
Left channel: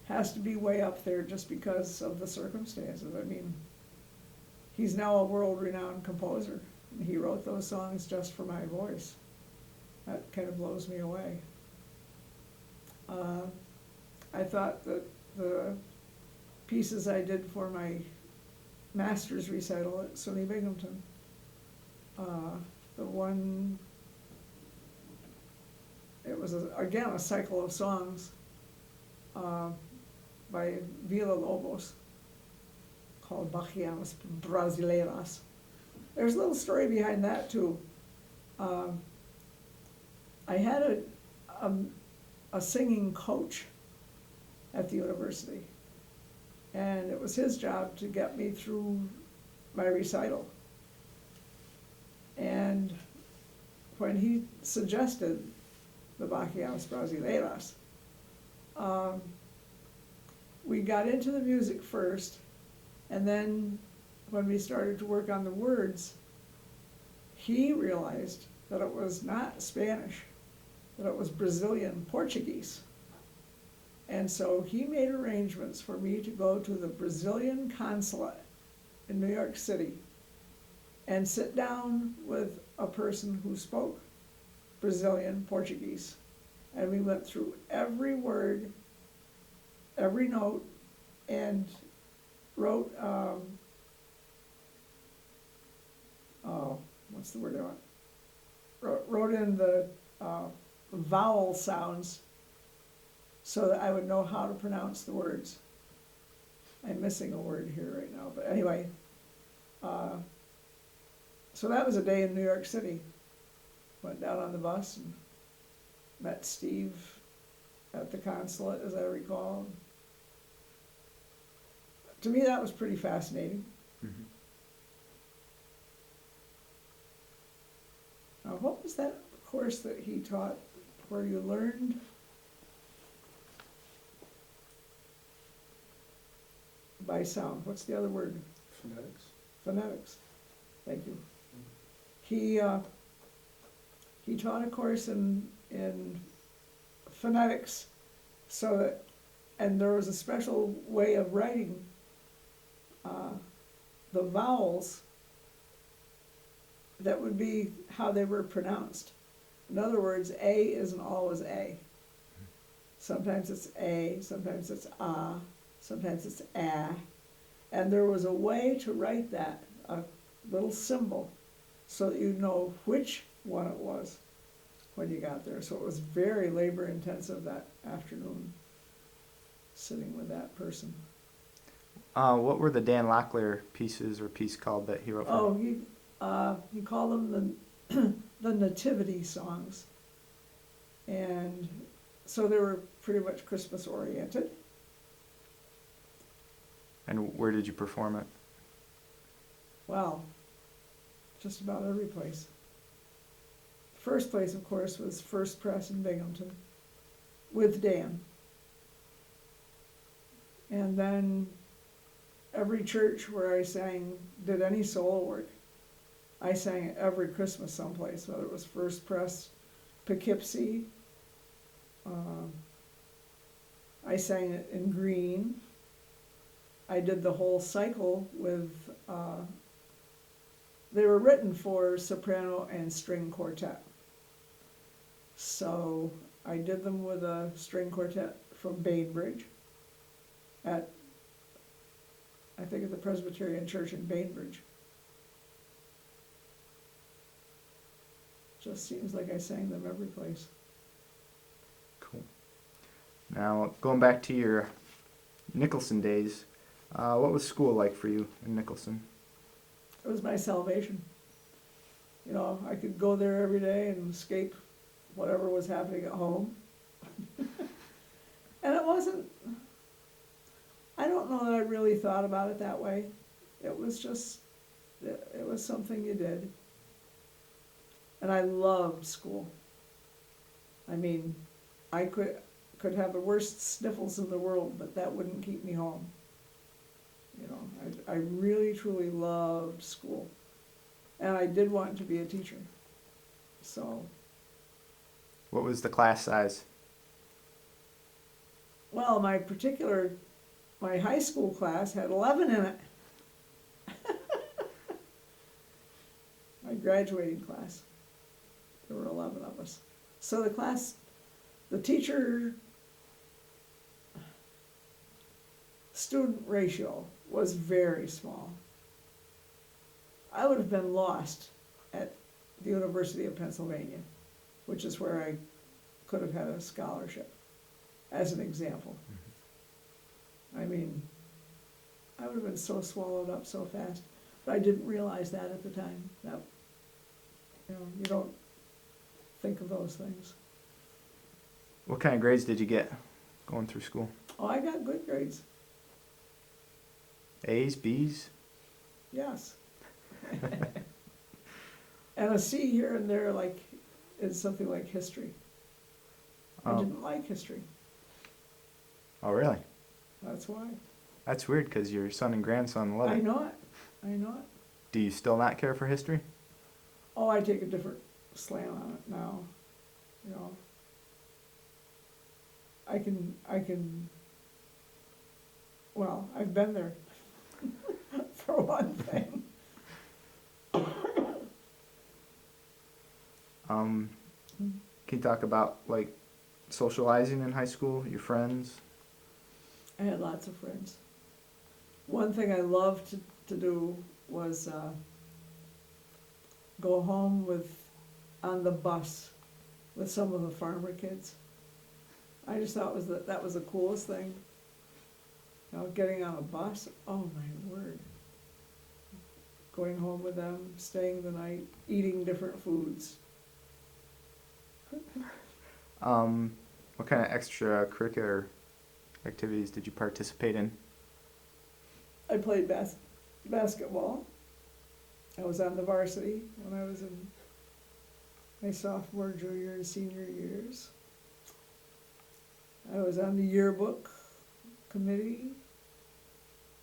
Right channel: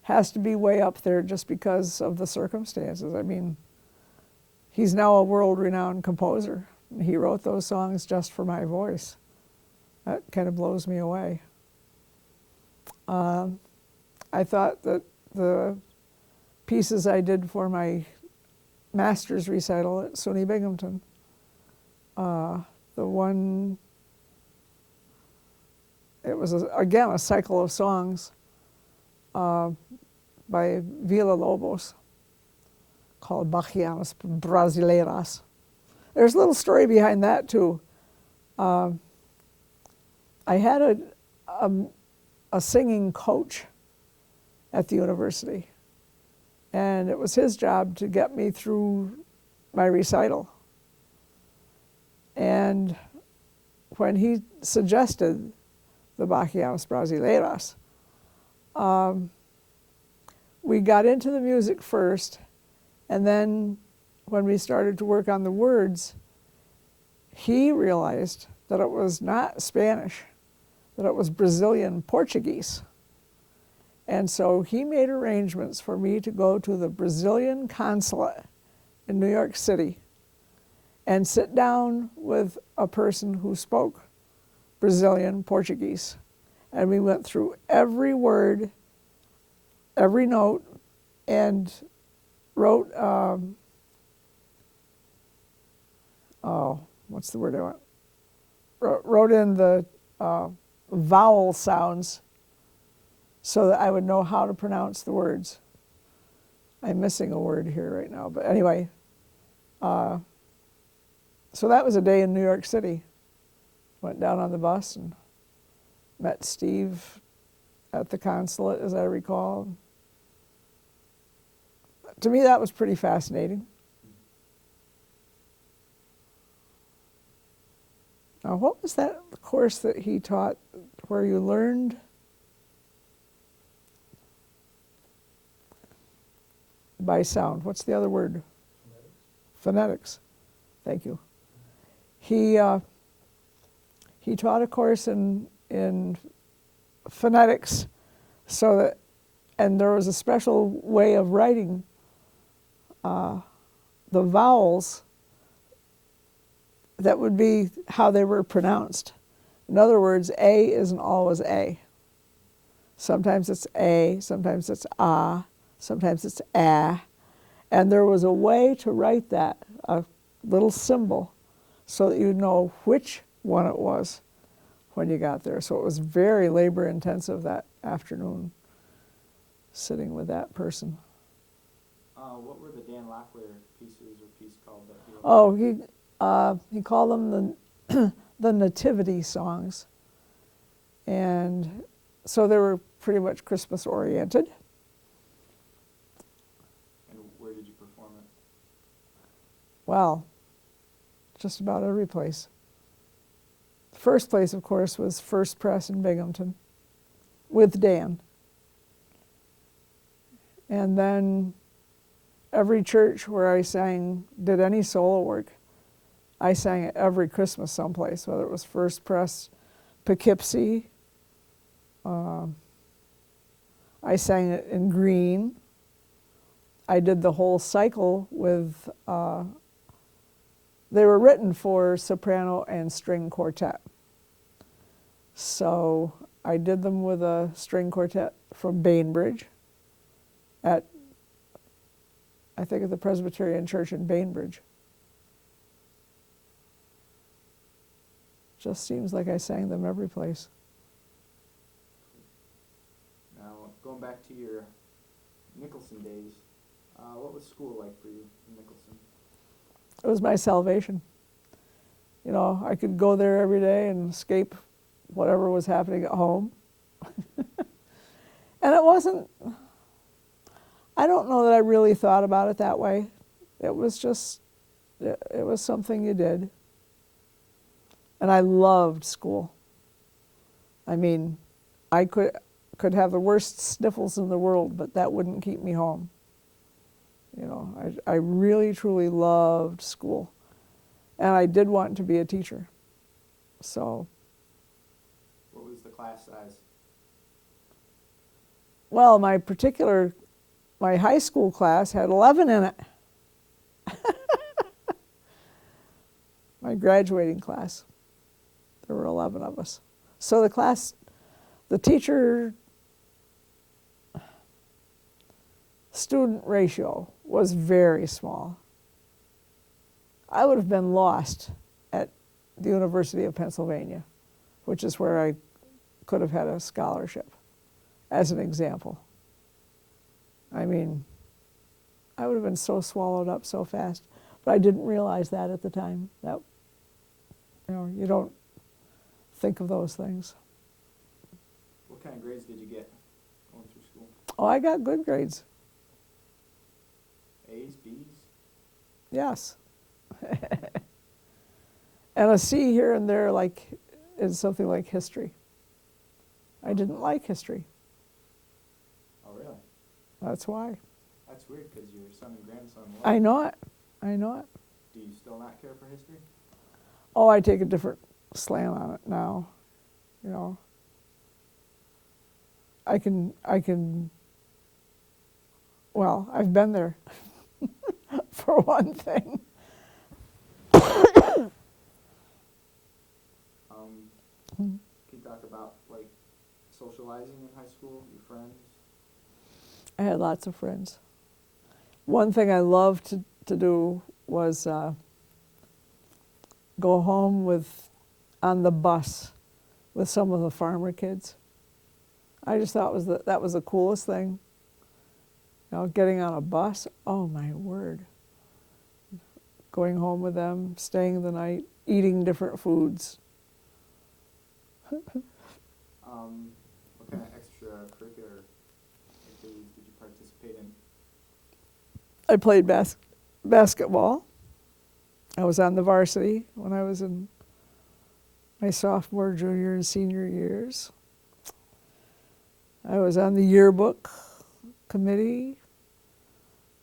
has to be way up there just because of the circumstances. I mean, he's now a world-renowned composer. And he wrote those songs just for my voice. That kind of blows me away. I thought that the pieces I did for my master's recital at SUNY Binghamton, the one, it was, again, a cycle of songs by Villa-Lobos called Bachianas Brasileiras. There's a little story behind that, too. I had a singing coach at the university, and it was his job to get me through my recital. And when he suggested the Bachianas Brasileiras, we got into the music first, and then when we started to work on the words, he realized that it was not Spanish, that it was Brazilian Portuguese. And so he made arrangements for me to go to the Brazilian consulate in New York City and sit down with a person who spoke Brazilian Portuguese. And we went through every word, every note, and wrote, what's the word I want? Wrote in the vowel sounds so that I would know how to pronounce the words. I'm missing a word here right now, but anyway. So that was a day in New York City. Went down on the bus and met Steve at the consulate, as I recall. To me, that was pretty fascinating. Mm-hmm. Now, what was that course that he taught where you learned by sound? What's the other word? Phonetics. Phonetics. Thank you. He taught a course in phonetics, so that, and there was a special way of writing the vowels that would be how they were pronounced. In other words, A isn't always A. Sometimes it's A, sometimes it's ah, sometimes it's ah. And there was a way to write that, a little symbol, so that you'd know which one it was when you got there. So it was very labor intensive that afternoon, sitting with that person. What were the Dan Locklear pieces or piece called that he wrote? Oh, he called them the nativity songs. And so they were pretty much Christmas oriented. And where did you perform it? Well, just about every place. The first place, of course, was First Press in Binghamton with Dan. And then every church where I did any solo work, I sang it every Christmas someplace, whether it was First Press, Poughkeepsie. I sang it in Greene. I did the whole cycle with, they were written for soprano and string quartet. So I did them with a string quartet from Bainbridge at, I think, at the Presbyterian Church in Bainbridge. Just seems like I sang them every place. Cool. Now, going back to your Nicholson days, what was school like for you in Nicholson? It was my salvation. You know, I could go there every day and escape whatever was happening at home. And it wasn't, I don't know that I really thought about it that way. It was just, it was something you did. And I loved school. I mean, I could have the worst sniffles in the world, but that wouldn't keep me home. You know, I really, truly loved school. And I did want to be a teacher. So, What was the class size? well, my high school class had 11 in it. My graduating class, there were 11 of us. So the teacher student ratio was very small. I would have been lost at the University of Pennsylvania, which is where I could have had a scholarship, as an example. I mean, I would have been so swallowed up so fast, but I didn't realize that at the time. That, you don't think of those things. What kind of grades did you get going through school? Oh, I got good grades. A's, B's? Yes. And a C here and there, like, is something like history. I Oh. didn't like history. Oh, really? That's why. That's weird because your son and grandson love I it. know it. I know it. Do you still not care for history? Oh, I take a different slant on it now. You know, I can, well, I've been there, for one thing. Can you talk about like socializing in high school, your friends? I had lots of friends. One thing I loved to do was go home on the bus with some of the farmer kids. I just thought that was the coolest thing. You know, getting on a bus, oh my word. Going home with them, staying the night, eating different foods. What kind of extracurricular activities did you participate in? I played basketball. I was on the varsity when I was in my sophomore, junior, and senior years. I was on the yearbook committee.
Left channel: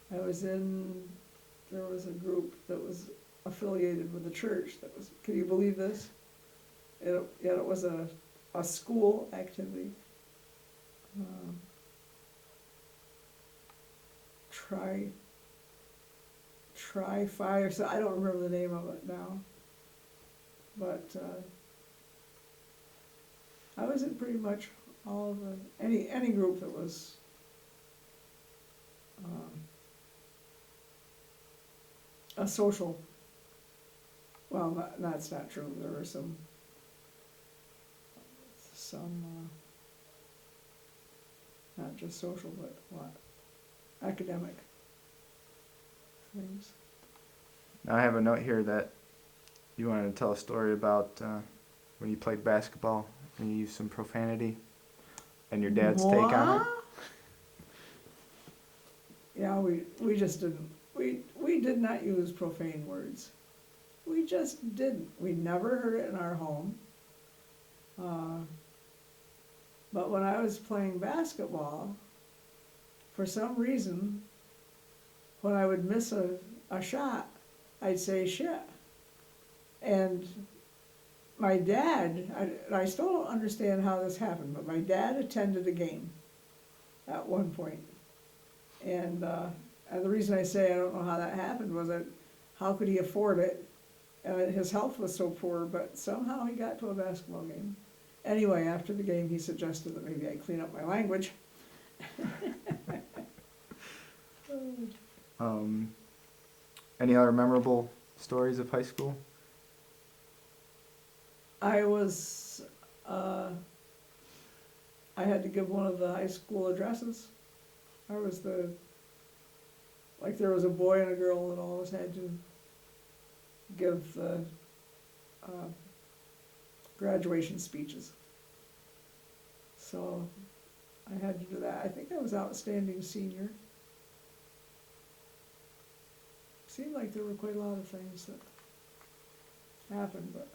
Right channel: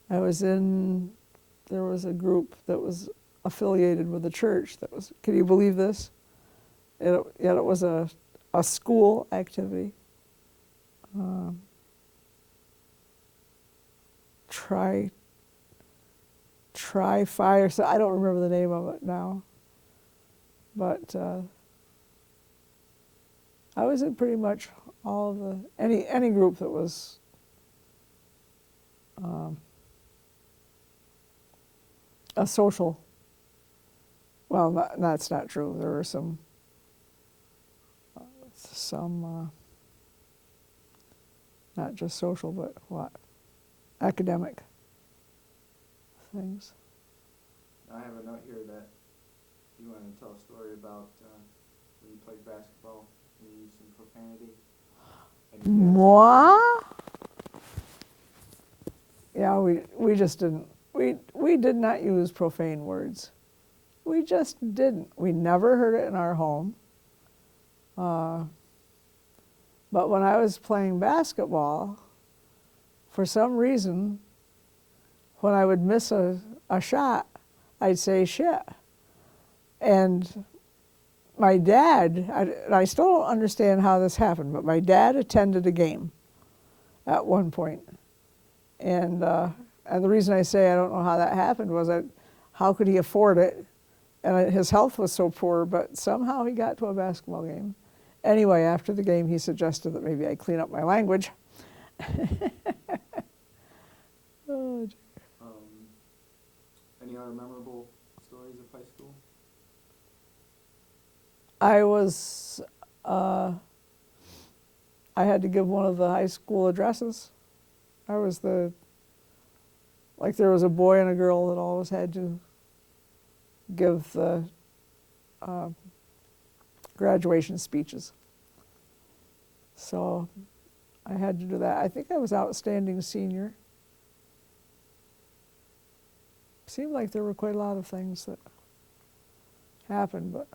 There was a group that was affiliated with the church that was, can you believe this? Yet it was a school activity. Try Fire, so I don't remember the name of it now. But I was in pretty much all of any group that was a social. Well, that's not true. There were some not just social, but what? Academic things. Now I have a note here that you wanted to tell a story about when you played basketball and you used some profanity and your dad's take on it. Yeah, we just didn't. We did not use profane words. We just didn't. We never heard it in our home. But when I was playing basketball, for some reason, when I would miss a shot, I'd say shit. And my dad, I still don't understand how this happened, but my dad attended a game at one point. And the reason I say I don't know how that happened was that how could he afford it? And his health was so poor, but somehow he got to a basketball game. Anyway, after the game, he suggested that maybe I clean up my language. Any other memorable stories of high school? I had to give one of the high school addresses. I was there was a boy and a girl that always had to give the graduation speeches. So I had to do that. I think I was outstanding senior. Seemed like there were quite a lot of things that happened, but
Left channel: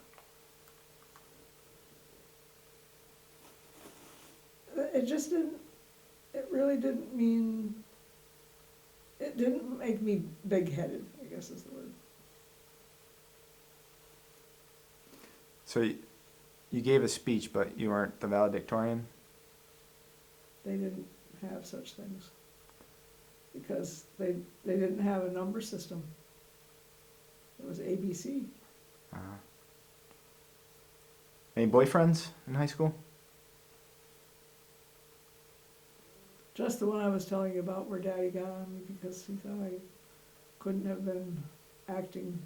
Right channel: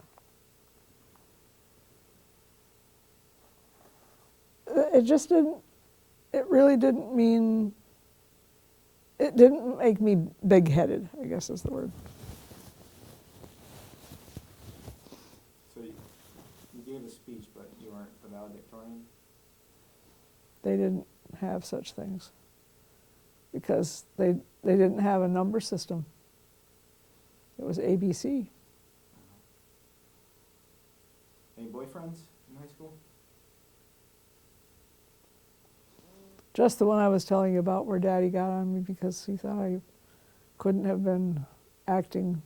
it just didn't, it really didn't mean, it didn't make me big-headed, I guess is the word. So you gave a speech, but you weren't the valedictorian? They didn't have such things because they didn't have a number system. It was ABC. Any boyfriends in high school? Just the one I was telling you about where Daddy got on me because he thought I couldn't have been acting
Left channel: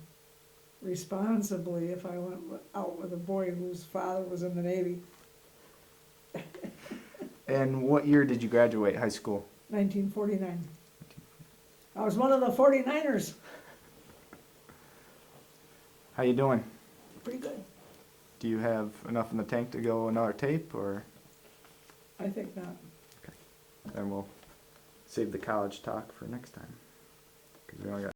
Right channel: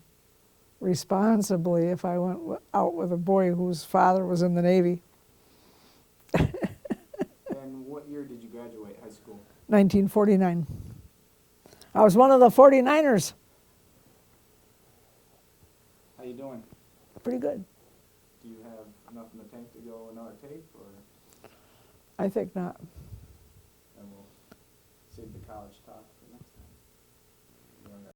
responsibly if I went out with a boy whose father was in the Navy. And what year did you graduate high school? 1949. I was one of the 49ers. How you doing? Pretty good. Do you have enough in the tank to go another tape, or I think not. then we'll save the college talk for next time? 'Cause we only got